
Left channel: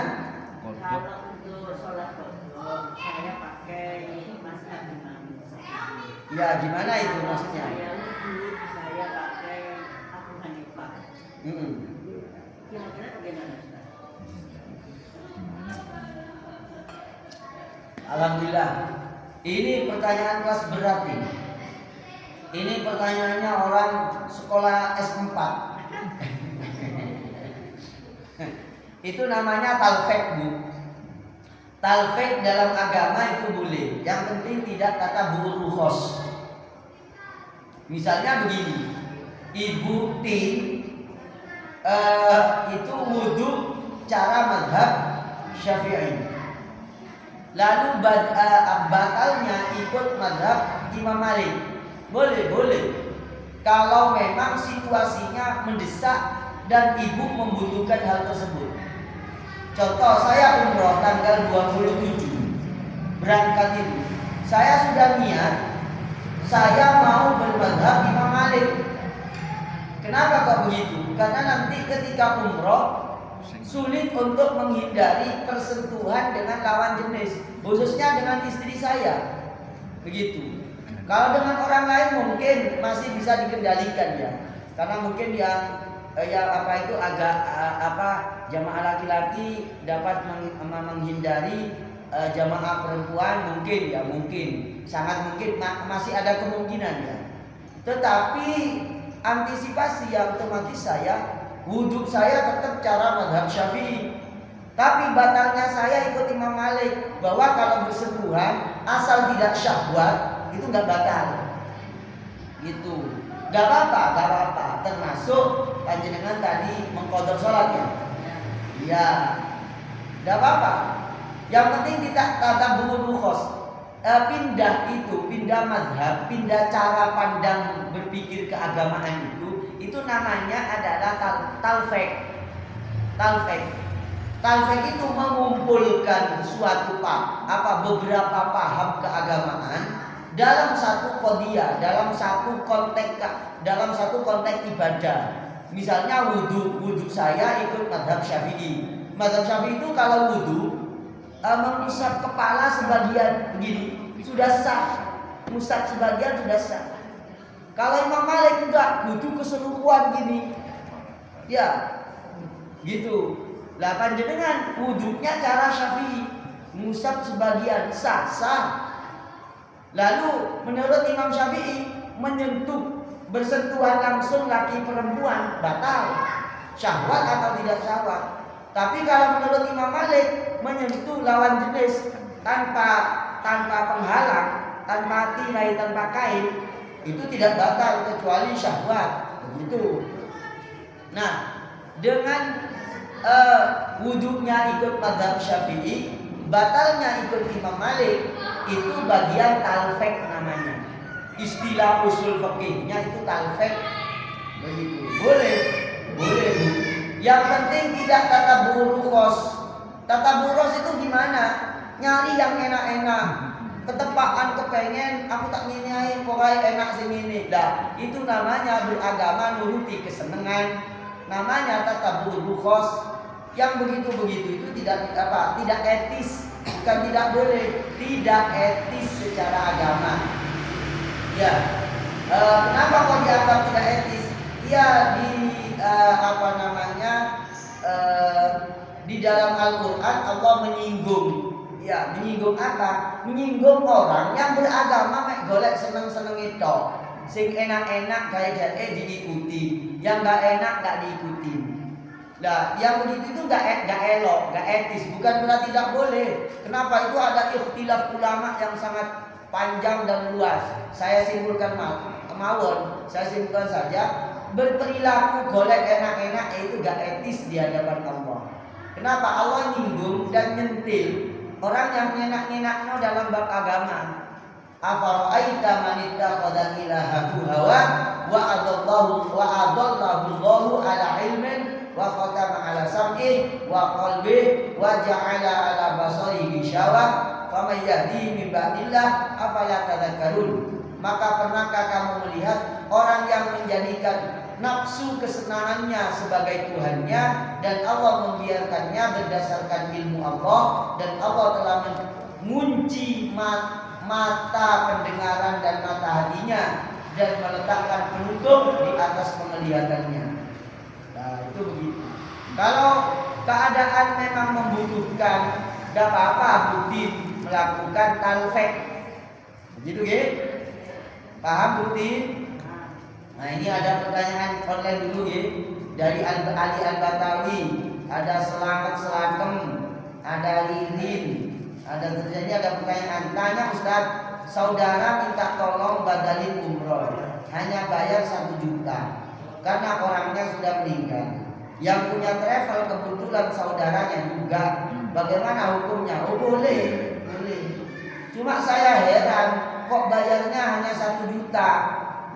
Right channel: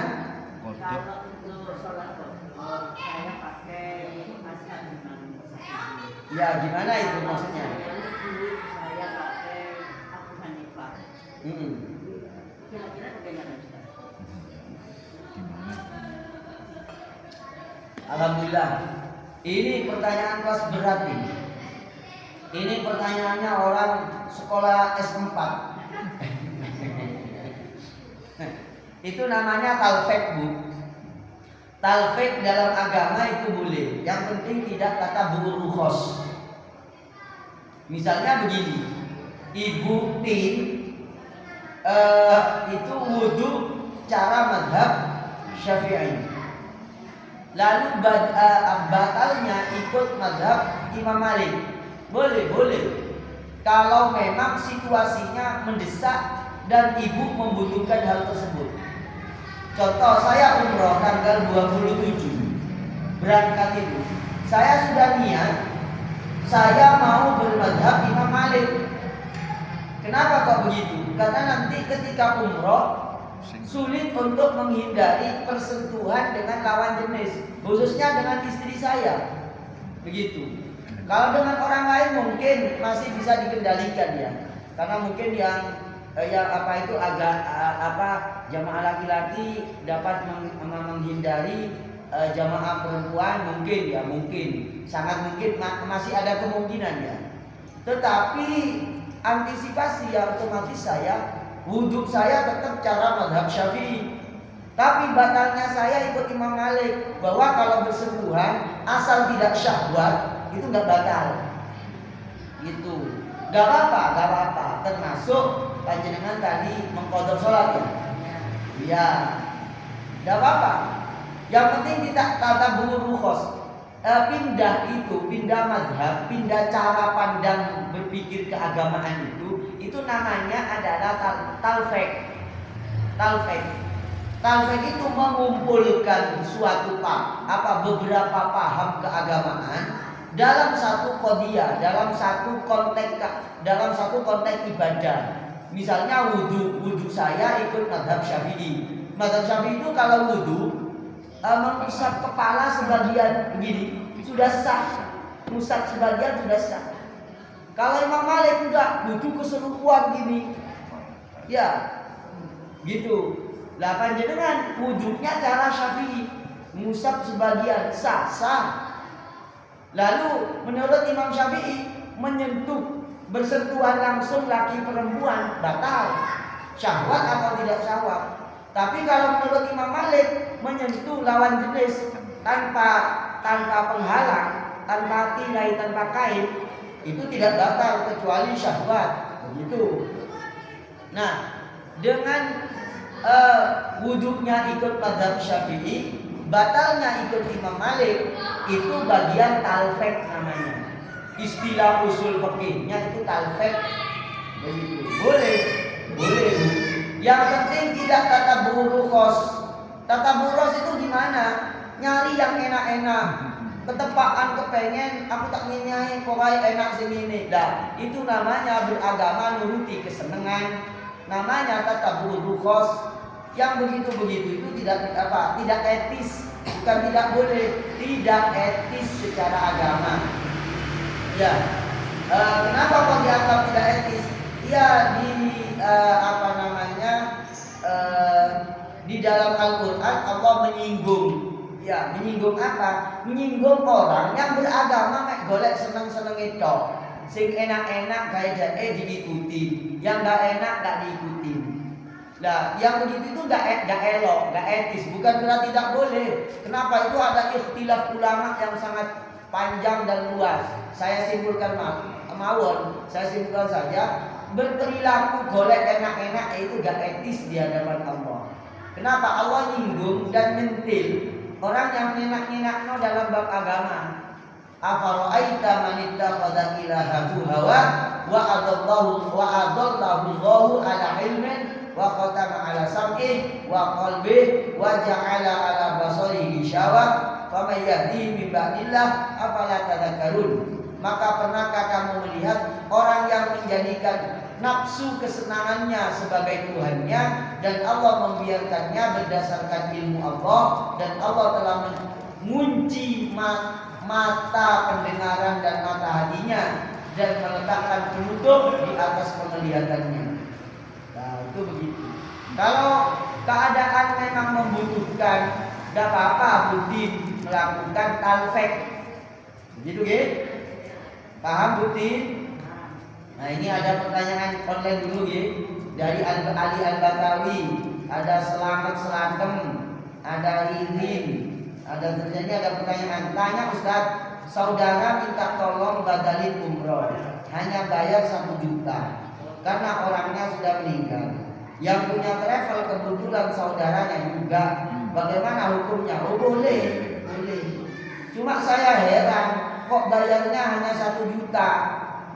Kalau untuk sholat qadha, saya pakai mazhab Imam Syafi'i. Ya gimana itu maksudnya? Saya pakai Abu Hanifah. Kira-kira bagaimana Ustaz? Alhamdulillah. Ini pertanyaan kelas berat ini. Ini pertanyaannya orang sekolah S4. Itu namanya talfek, Bu. Talfek dalam agama itu boleh. Yang penting tidak tatabu'ur rukhos. Misalnya begini. Ibu Tin itu wudu cara mazhab Syafi'i. Lalu batalnya ikut mazhab Imam Malik. Boleh. Kalau memang situasinya mendesak dan ibu membutuhkan hal tersebut. Contoh, saya umroh tanggal 27 berangkat itu. Saya sudah niat saya mau bermazhab Imam Malik. Kenapa kok begitu? Karena nanti ketika umroh sulit untuk menghindari persentuhan dengan lawan jenis, khususnya dengan istri saya. Begitu. Kalau dengan orang lain mungkin masih bisa dikendalikan ya. Karena mungkin yang jamaah laki-laki dapat menghindari jamaah perempuan mungkin sangat mungkin masih ada kemungkinan ya. Tetapi antisipasi ya otomatis wudhu saya tetap cara mazhab Syafi'i. Tapi batalnya saya ikut Imam Malik bahwa kalau bersentuhan asal tidak syahwat itu nggak batal. Gitu. Gak apa-apa. Termasuk panjenengan tadi mengqadha sholat ya. Iya. Gak apa-apa. Yang penting tidak tatabu'ur rukhos. Pindah mazhab, pindah cara pandang berpikir keagamaan itu itu namanya adalah talfek. Talfek itu mengumpulkan beberapa paham keagamaan dalam satu qadiyah, dalam satu konteks ibadah. Misalnya wudhu saya ikut mazhab Syafi'i. Mazhab Syafi'i itu kalau wudhu mengusap kepala sebagian begini sudah sah, ngusap sebagian sudah sah. Kalau Imam Malik enggak, wudhu keseluruhan gini, ya gitu. Lah panjenengan wudhunya cara Syafi'i, ngusap sebagian sah. Lalu menurut Imam Syafi'i bersentuhan langsung laki perempuan batal, syahwat atau tidak syahwat. Tapi kalau menurut Imam Malik menyentuh lawan jenis tanpa penghalang, tanpa tirai, tanpa kain, itu tidak batal kecuali syahwat. Begitu. Nah, dengan wudhunya ikut mazhab Syafi'i, batalnya ikut Imam Malik, itu bagian talfek namanya. Istilah usul fikihnya itu talfek. Begitu. Boleh. Yang penting tidak tatabu'ur rukhos. Tatabu'ur itu gimana? Nyari yang enak-enak. Ketepaan kepengen aku tak ngini pokoknya enak sing ngene. Nah, itu namanya beragama nuruti kesenangan. Namanya tatabu'ur rukhos. Yang begitu-begitu itu tidak etis, bukan tidak boleh, tidak etis secara agama. Ya, kenapa kok dianggap tidak etis? Ya di dalam Al-Quran Allah menyinggung. Ya, menyinggung apa? Menyinggung orang yang beragama mek golek seneng-seneng itu. Sing enak-enak gaya diikuti, yang gak enak gak diikuti. Nah, yang begitu itu gak elok, gak etis. Bukan berarti tidak boleh. Kenapa? Itu ada ikhtilaf ulama yang sangat panjang dan luas. Saya simpulkan saya simpulkan saja. Berperilaku golek enak-enak itu gak etis di hadapan Allah. Kenapa? Allah nyinggung dan nyentil orang yang nyenak-nyenakno dalam bab agama. Afara'aita man ittakhadha ilahahu hawa wa adallahu Allahu ala ilmin wa khatama ala sam'ih wa qalbih wa ja'ala ala basarihi syawah faman yahdi min ba'dillah afala tadhakkarun. Maka pernahkah kamu melihat orang yang menjadikan nafsu kesenangannya sebagai Tuhannya dan Allah membiarkannya berdasarkan ilmu Allah, dan Allah telah mengunci mata pendengaran dan mata hatinya dan meletakkan penutup di atas penglihatannya. Nah, itu begitu. Kalau keadaan memang membutuhkan, tidak apa-apa Budin melakukan talfek. Begitu, Ge? Paham, Budin? Nah, ini ada pertanyaan online dulu, Ge. Dari Ali Al-Batawi, ada Selakem, ada Lirin, ada terjadi ada pertanyaan. Tanya Ustaz, saudara minta tolong badalin umroh, hanya bayar 1 juta. Karena orangnya sudah meninggal. Yang punya travel kebetulan saudaranya juga. Bagaimana hukumnya? Oh, boleh. Cuma saya heran, kok bayarnya hanya 1 juta.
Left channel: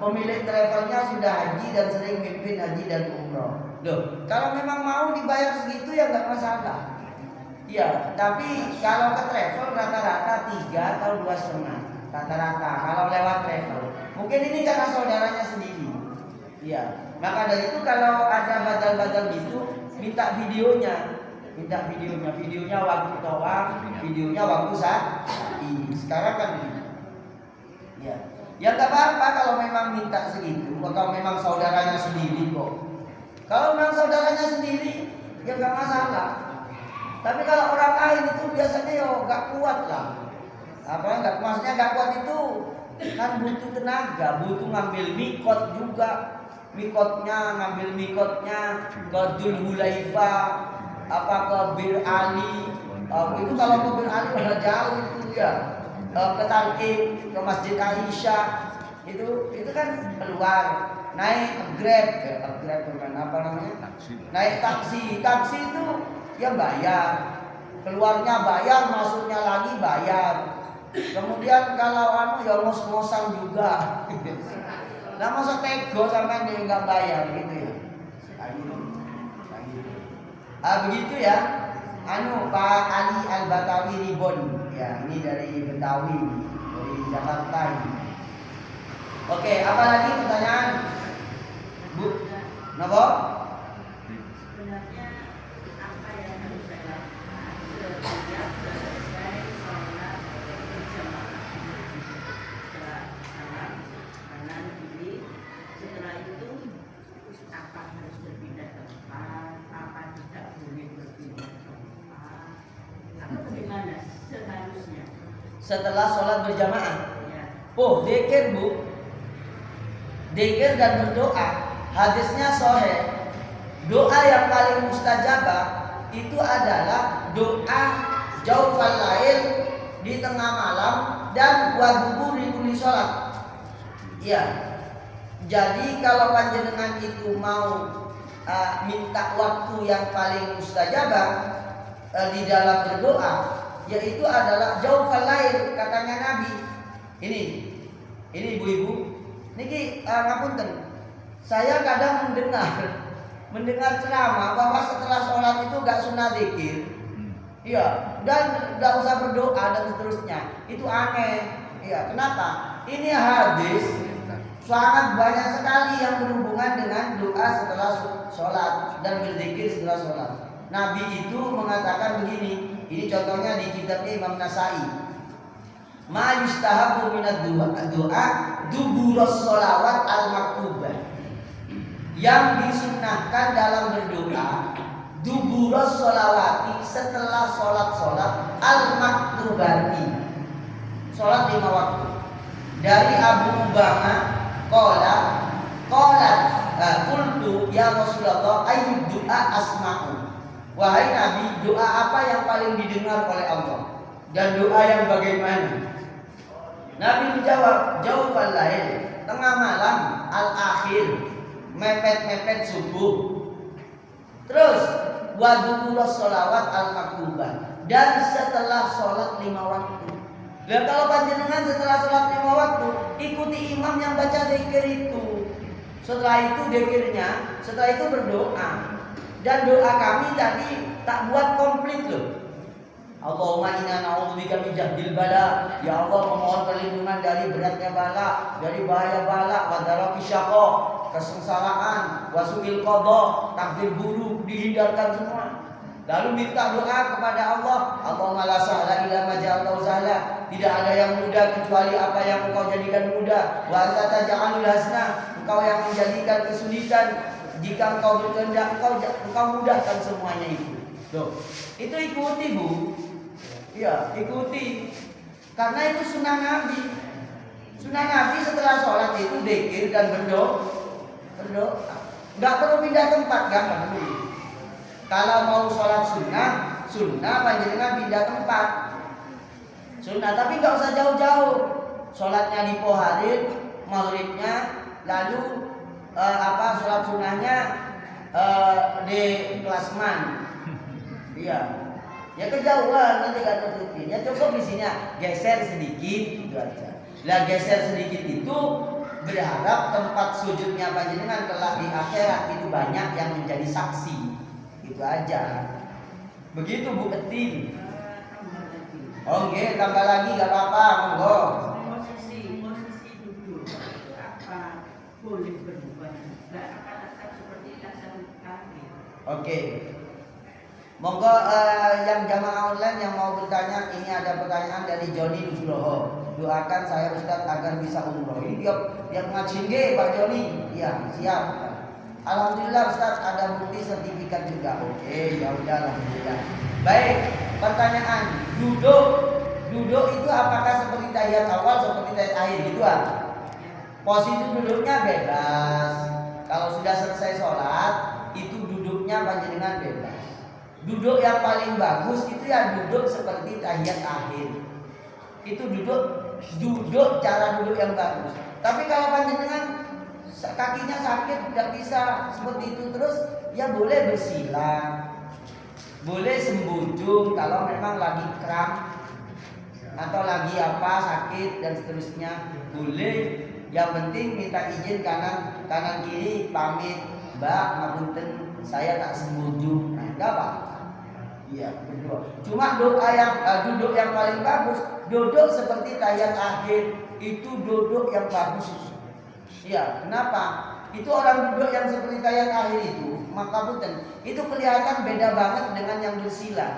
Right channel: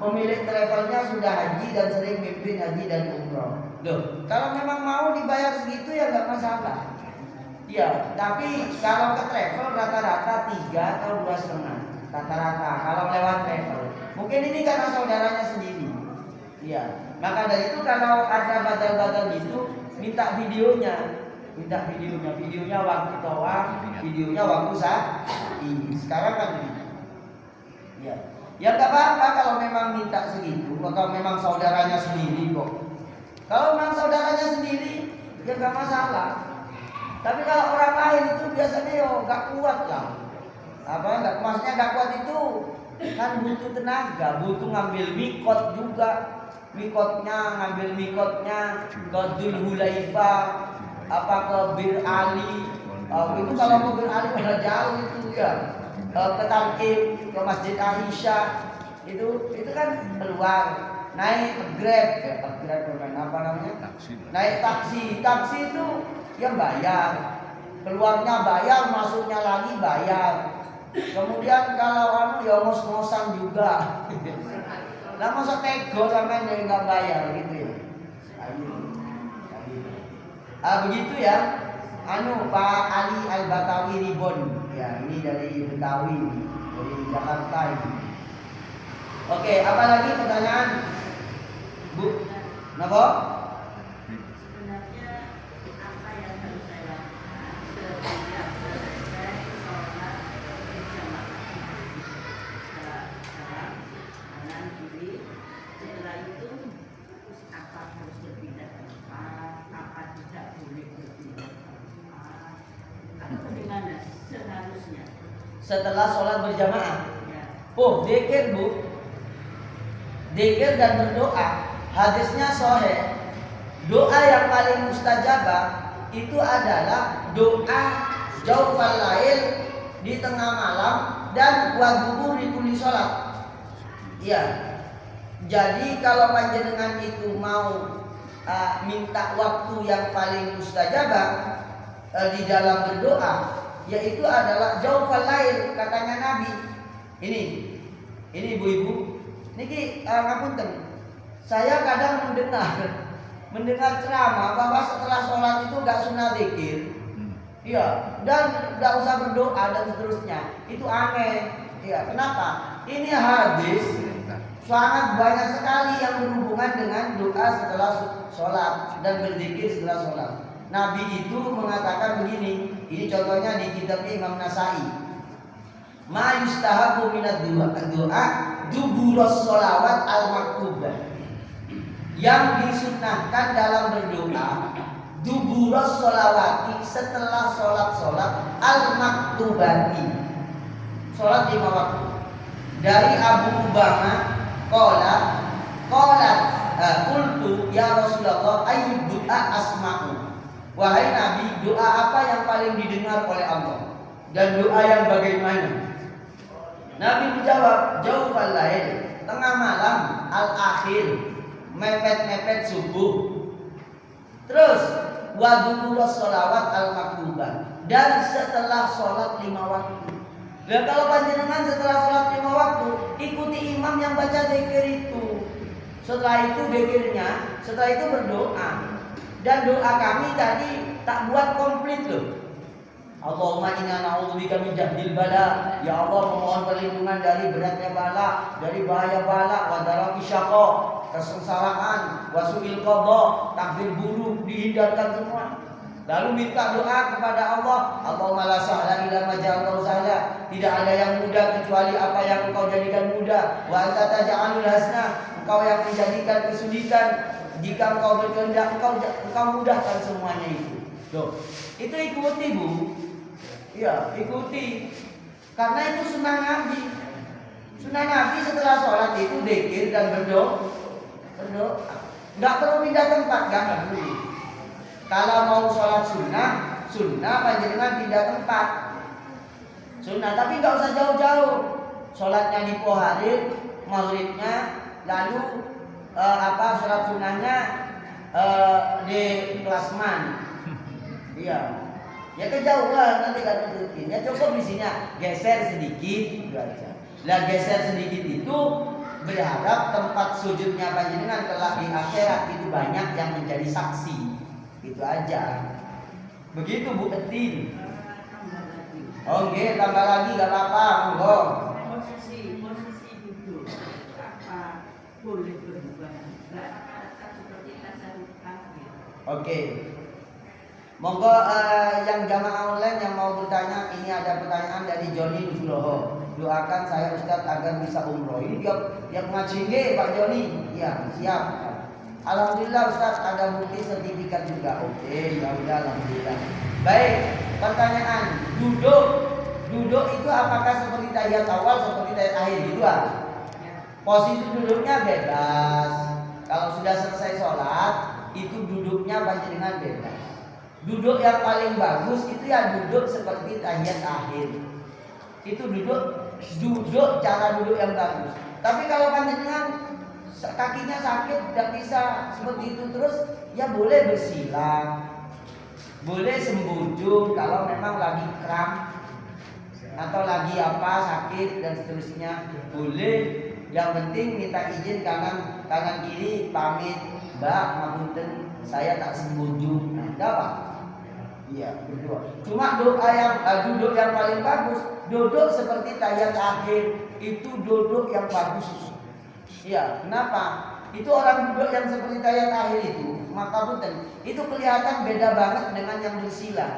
Pemilik travelnya sudah haji dan sering mimpin haji dan umroh. Loh, kalau memang mau dibayar segitu ya nggak masalah. Ya, tapi kalau ke travel rata-rata 3 atau 2,5 rata-rata kalau lewat travel. Mungkin ini karena saudaranya sendiri. Ya, maka dari itu kalau ada badal-badal gitu, minta videonya, videonya waktu tawaf, videonya waktu sa'i. Sekarang kan begitu. Ya nggak apa-apa kalau memang minta segitu, kalau memang saudaranya sendiri kok. Kalau memang saudaranya sendiri, ya nggak masalah. Tapi kalau orang lain itu biasanya nggak kuat lah. Maksudnya nggak kuat itu kan butuh tenaga, butuh ngambil mikot juga. Ngambil mikotnya ke Dzul Hulaifah, ke Bir Ali. Itu kalau ke Bir Ali pada jauh itu ya. Ke Tanqim, ke Masjid Aisyah. Itu kan keluar. Naik Grab, naik taksi. Taksi itu ya bayar. Keluarnya bayar, masuknya lagi bayar. Kemudian kalau ya ngos-ngosan juga. Lah masa tego sampai dia nggak bayar gitu ya? Begitu ya. Pak Ali Al-Batawi Ribon. Ya, ini dari Betawi, dari Jakarta ini. Oke, apa lagi pertanyaan? Bu, napa? Sebenarnya apa yang harus saya lakukan setiap selesai sholat berjamaah? Kanan kiri. Setelah itu apa harus berpindah tempat? Apa tidak boleh berpindah tempat? Atau bagaimana seharusnya? Setelah sholat berjamaah. Ya. Dzikir Bu. Dzikir dan berdoa. Hadisnya sahih. Doa yang paling mustajabah itu adalah doa jaufal lail di tengah malam dan wadubur di kulli sholat. Iya. Jadi kalau panjenengan itu mau minta waktu yang paling mustajabah di dalam berdoa, yaitu adalah jaufal lail, katanya Nabi. Ini ibu-ibu, niki ngapunten. Saya kadang mendengar ceramah bahwa setelah sholat itu gak sunah dzikir. Iya, dan gak usah berdoa dan seterusnya. Itu aneh. Iya, kenapa? Ini hadis sangat banyak sekali yang berhubungan dengan doa setelah sholat dan berzikir setelah sholat. Nabi itu mengatakan begini. Ini contohnya di kitabnya Imam Nasai. Ma yustahabu minad doa duburos sholawat al-maktubah. Yang disunnahkan dalam berdoa duburos sholawati, setelah sholat al-maktubati, sholat 5 waktu. Dari Abu Ubama qultu ya Rasulullah ayyud doa asma'u. Wahai Nabi, doa apa yang paling didengar oleh Allah? Dan doa yang bagaimana? Nabi menjawab, jaufal lail, tengah malam, al-akhir, mepet-mepet subuh. Terus waduburos sholawat al-maktubah, dan setelah sholat 5 waktu. Dan kalau panjenengan setelah sholat 5 waktu, ikuti imam yang baca dzikir itu. Setelah itu dzikirnya, setelah itu berdoa. Dan doa kami tadi tak buat komplit loh. Allahumma inna na'udzubika min jahdil bala. Ya Allah, memohon perlindungan dari beratnya bala, dari bahaya bala, wa daraki syaqa, kesengsaraan, wa su'il qada, takdir buruk, dihindarkan semua. Lalu minta doa kepada Allah, Allahumma la sahla illa ma ja'altahu sahla. Tidak ada yang mudah kecuali apa yang Engkau jadikan mudah. Wa anta taj'alul hasna, Engkau yang menjadikan kesulitan. Jika Engkau berkehendak, Engkau mudahkan semuanya itu. Tuh, itu ikuti Bu. Ya, ikuti. Karena itu sunnah Nabi. Sunnah Nabi setelah sholat itu dzikir dan berdoa. Enggak perlu pindah tempat, enggak perlu. Kalau mau sholat sunnah panjenengan pindah tempat. Sunnah, tapi enggak usah jauh-jauh. Sholatnya di Poharin, maghribnya, lalu sholat sunnahnya di Klasman. Iya. Ya kejauhan nanti gak nurutin. Ya cukup di sini geser sedikit gitu aja. Lah geser sedikit itu berharap tempat sujudnya panjenengan kelak di akhirat itu banyak yang menjadi saksi. Itu aja. Begitu Bu Etin. Oke, tambah lagi gak apa-apa, monggo. Posisi duduk apa boleh berubah? Enggak seperti tasawuf akhir. Oke. Monggo yang jamaah online yang mau bertanya, ini ada pertanyaan dari Joni Nusuloho. Doakan saya Ustadz agar bisa umroh. Ini dia ngaji nggih Pak Joni. Iya, siap. Alhamdulillah Ustadz ada bukti sertifikat juga. Oke, ya udah alhamdulillah. Baik, pertanyaan duduk itu apakah seperti tahiyat awal seperti tahiyat akhir gitu ah? Posisi duduknya bebas. Kalau sudah selesai sholat itu duduknya panjenengan bebas. Duduk yang paling bagus itu ya duduk seperti tahiyat akhir. Itu duduk cara duduk yang bagus. Tapi kalau panjenengan kakinya sakit tidak bisa seperti itu terus, ya boleh bersila, boleh sembujung kalau memang lagi kram atau lagi sakit dan seterusnya, boleh. Yang penting minta izin kanan kiri pamit, Mbak, ngapunten saya tak sembuju. Nah, enggak apa. Iya, berdua. Cuma doa yang duduk yang paling bagus, duduk seperti tahiyat akhir, itu duduk yang bagus itu. Iya, kenapa? Itu orang duduk yang seperti tahiyat akhir itu, maka punten, itu kelihatan beda banget dengan yang bersila.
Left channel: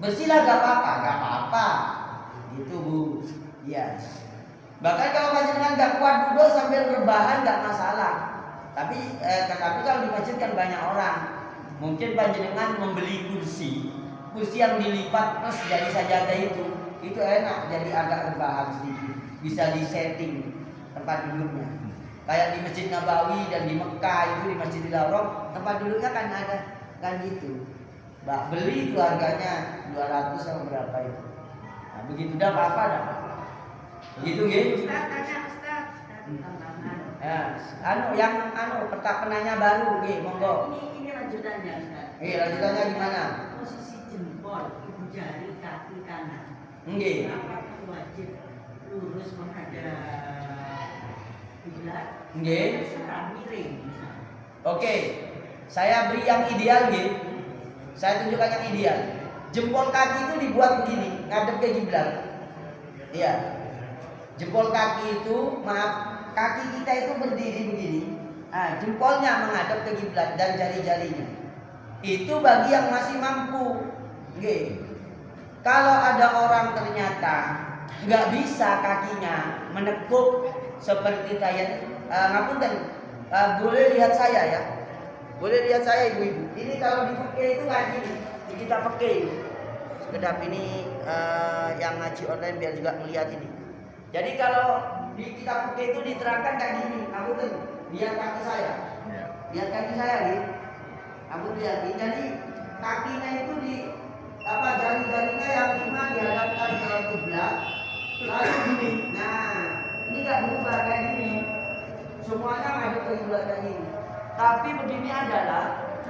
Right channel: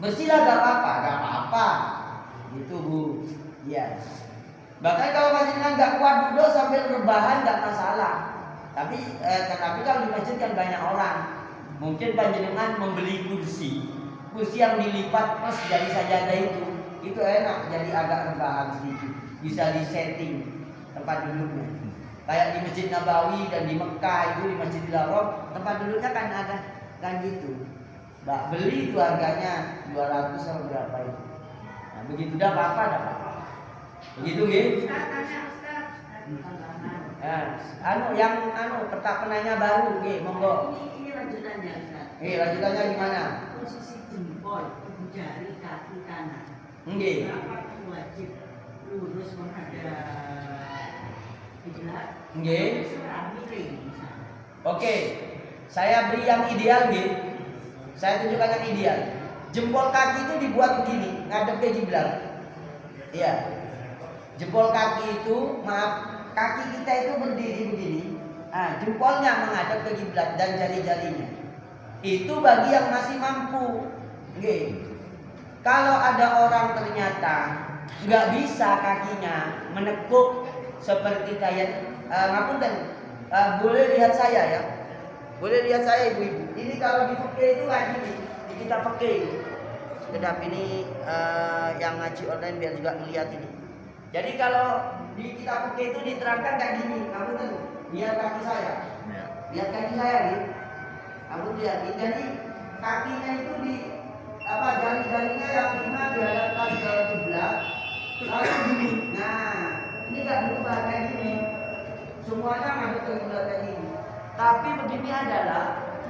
Bersila gak apa-apa. Gitu Bu. Iya. Bahkan kalau panjenengan gak kuat duduk sambil rebahan gak masalah. Tapi kalau di masjid kan banyak orang. Mungkin panjenengan membeli kursi yang dilipat plus jadi sajadah itu enak, jadi agak rebahan sedikit. Bisa disetting tempat duduknya. Kayak di Masjid Nabawi dan di Mekah itu, di Masjidil Haram tempat duduknya kan ada kan gitu. Mbak beli itu harganya 200 sama berapa itu. Nah, begitu dah apa-apa dah Pak. Begitu nggih? Ustaz. Penanya baru nggih, monggo. Ini lanjutannya Ustaz. Lanjutannya gimana? Posisi jempol, ibu jari, kaki kanan. Nggih. Apakah wajib lurus menghadap kiblat? Nggih. Miring. Oke. Saya beri yang ideal nggih. Saya tunjukkan yang ideal. Jempol kaki itu dibuat begini, ngadep ke kiblat. Iya. Jempol kaki itu, kaki kita itu berdiri begini. Jempolnya menghadap ke kiblat dan jari-jarinya. Itu bagi yang masih mampu. Nggih. Kalau ada orang ternyata nggak bisa kakinya menekuk seperti tahiyat, ngapunten, boleh lihat saya ya. Boleh lihat saya ibu-ibu. Ini kalau di fikih itu kayak gini. Di kitab fikih. Kedap ini yang ngaji online biar juga melihat ini. Jadi kalau di kitab fikih itu diterangkan kayak gini. Ngapunten, lihat kaki saya. Lihat kaki saya gitu. Ngapunten lihat. Jadi kakinya itu jari-jarinya yang 5 dihadapkan ke kiblat. Lalu gini. Nah, ini enggak berubah kayak gini. Semuanya ngadep ke kiblat kayak gini. Tapi begini adalah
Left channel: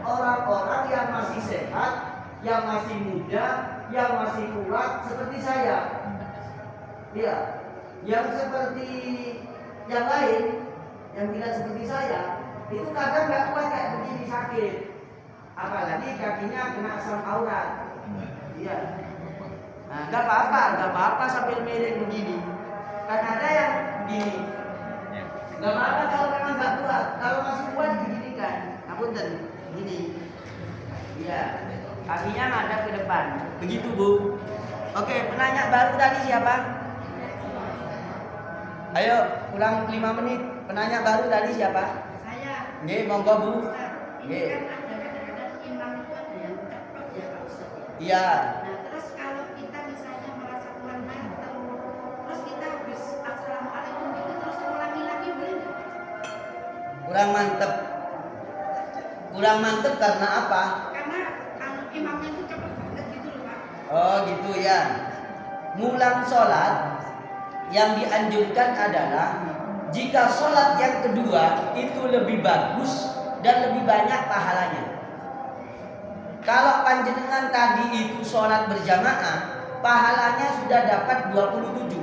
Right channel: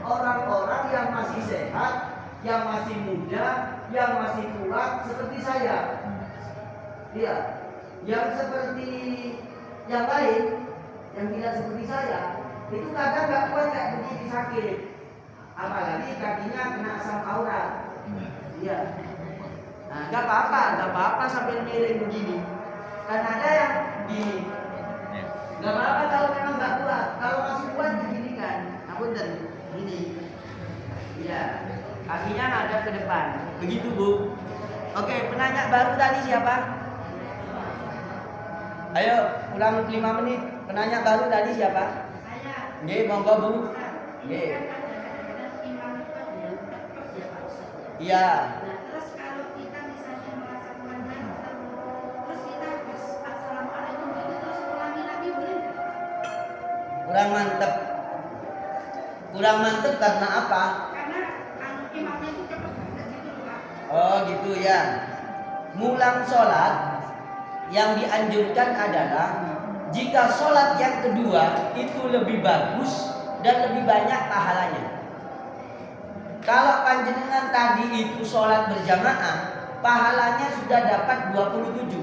orang-orang yang masih sehat, yang masih muda, yang masih kuat seperti saya. Iya. Yang seperti yang lain, yang tidak seperti saya, itu kadang nggak kuat kayak begini, sakit. Apalagi kakinya kena asam aurat. Iya. Nah, nggak apa-apa sambil miring begini. Kan ada yang begini. Nggak apa-apa kalau memang nggak kuat. Kalau masih kuat diginikan. Ngapunten, gini. Iya. Kakinya ngadap ke depan. Begitu Bu. Oke, penanya baru tadi siapa? Ayo, ulang 5 menit. Penanya baru tadi siapa? Saya. Nggih, monggo Bu. Nggih. Iya. Terus kalau kita misalnya merasa kurang mantap, terus kita harus assalamualaikum itu terus ulangi lagi boleh? Kurang mantep karena apa? Karena imamnya itu cepat banget gitu loh Pak. Oh gitu ya. Ngulang sholat yang dianjurkan adalah jika sholat yang kedua itu lebih bagus dan lebih banyak pahalanya. Kalau panjenengan tadi itu sholat berjamaah, pahalanya sudah dapat 27.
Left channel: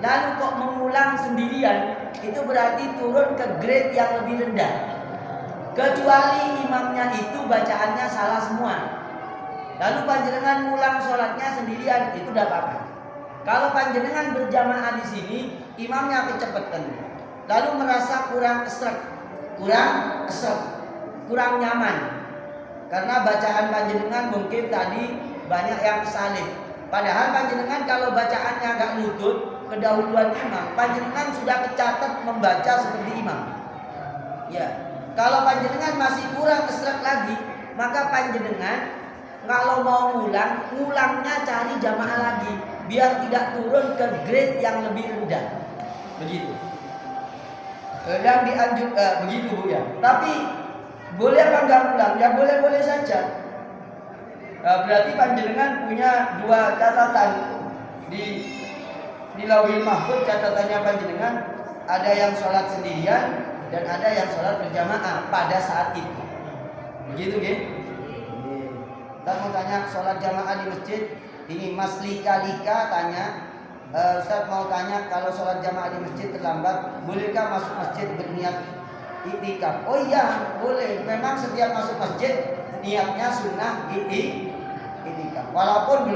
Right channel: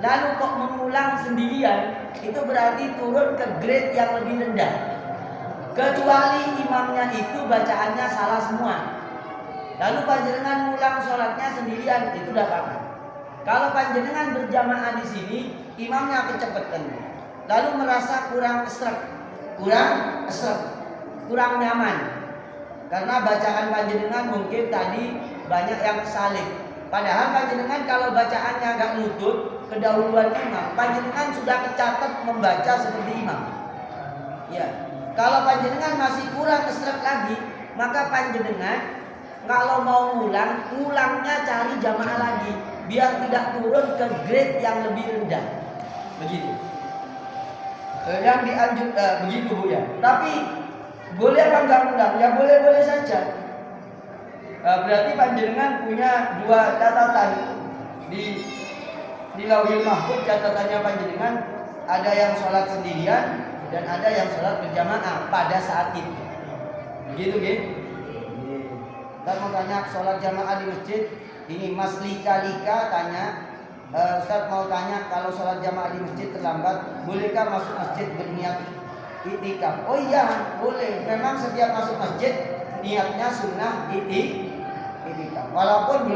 Lalu kok mengulang sendirian, itu berarti turun ke grade yang lebih rendah. Kecuali imamnya itu bacaannya salah semua. Lalu panjenengan ngulang sholatnya sendirian, itu tidak apa-apa. Kalau panjenengan berjamaah di sini, imamnya kecepatan, lalu merasa kurang nyaman, karena bacaan panjenengan mungkin tadi banyak yang salib. Padahal panjenengan kalau bacaannya agak nutut kedahuluan imam, panjenengan sudah kecatat membaca seperti imam. Ya, kalau panjenengan masih kurang esrek lagi, maka panjenengan kalau mau ngulangnya cari jamaah lagi, biar tidak turun ke grade yang lebih rendah. Begitu. Yang dianjurkan begitu Bu ya. Tapi boleh apa enggak ngulang? Ya boleh-boleh saja. Berarti panjenengan punya 2 catatan di Lauhil Mahfuz. Catatannya panjenengan ada yang sholat sendirian dan ada yang sholat berjamaah pada saat itu. Begitu nggih? Kita mau tanya sholat jamaah di masjid. Ini Mas Lika tanya, Ustaz mau tanya, kalau sholat jamaah di masjid terlambat, bolehkah masuk masjid berniat iktikaf? Oh iya, boleh. Memang setiap masuk masjid niatnya sunnah iktikaf. Walaupun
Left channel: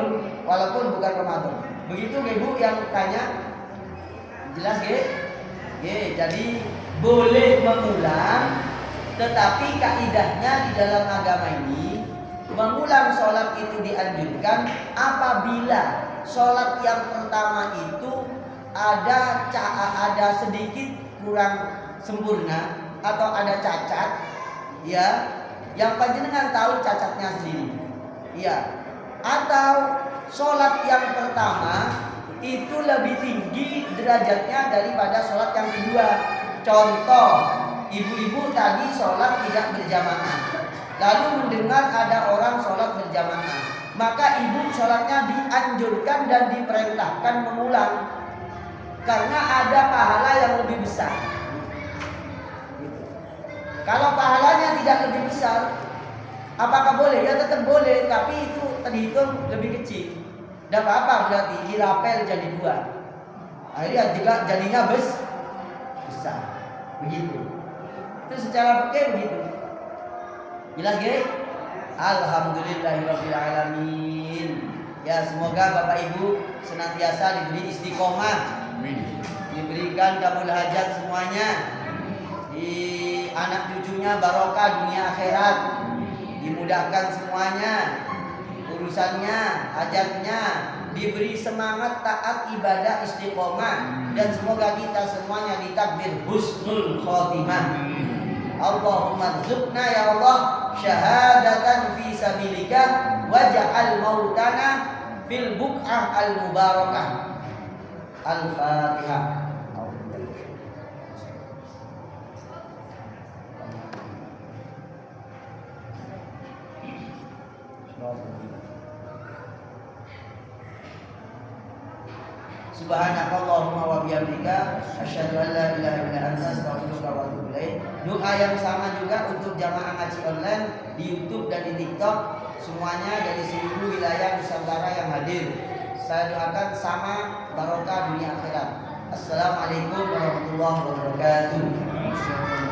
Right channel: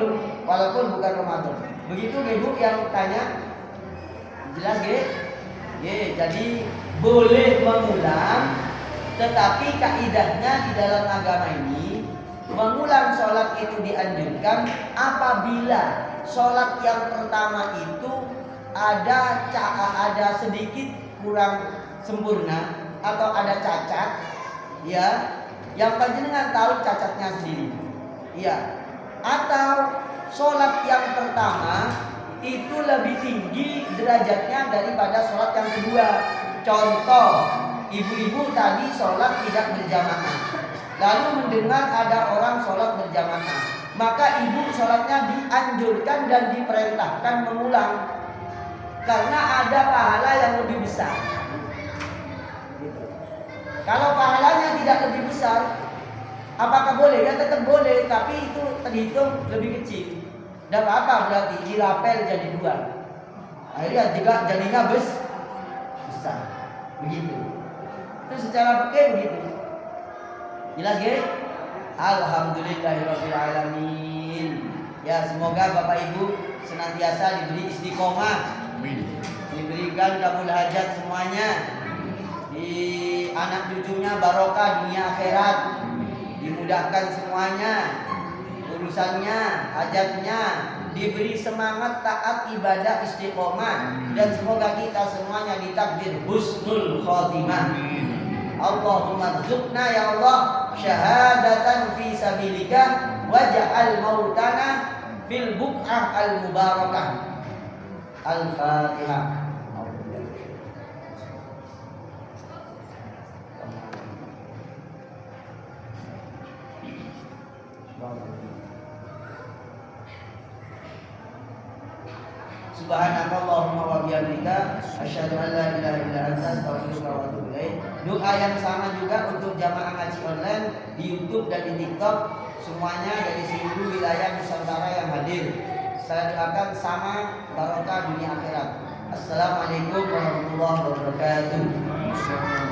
bukan Ramadan. Begitu Ibu yang tanya, jelas jadi boleh mengulang, tetapi kaidahnya di dalam agama ini mengulang sholat itu dianjurkan apabila sholat yang pertama itu ada sedikit kurang sempurna atau ada cacat, ya, yang panjenengan tahu cacatnya sendiri, ya, atau sholat yang pertama itu lebih tinggi derajatnya daripada sholat yang kedua. Contoh, ibu-ibu tadi sholat tidak berjamaah, lalu mendengar ada orang sholat berjamaah, maka ibu sholatnya dianjurkan dan diperintahkan mengulang, karena ada pahala yang lebih besar. Kalau pahalanya tidak lebih besar, apakah boleh? Ya tetap boleh, tapi itu terhitung lebih kecil. Tidak apa-apa, berarti dirapel jadi 2. Akhirnya juga jadinya besar. Begitu. Itu secara fikih begitu. Jelas guys? Alhamdulillahirabbil alamin. Ya, semoga Bapak Ibu senantiasa diberi istiqomah, diberikan kabul hajat semuanya, di anak cucunya barokah dunia akhirat, dimudahkan semuanya urusannya, hajatnya, diberi semangat taat ibadah istiqomah, dan semoga kita semuanya ditakdir husnul khotimah. Allahumma rzuqna ya Allah syahadatan fi sabilika waj'al mautana fil buq'ah al mubarakah. Al-Fatihah. Subhanakallahumma wa bihamdika asyhadu an la ilaha illa anta astaghfiruka wa atubu ilaik. Doa yang sama juga untuk jamaah ngaji online di YouTube dan di TikTok, semuanya dari seluruh wilayah Nusantara yang hadir. Saya doakan sama barokah dunia akhirat. Assalamualaikum warahmatullahi wabarakatuh.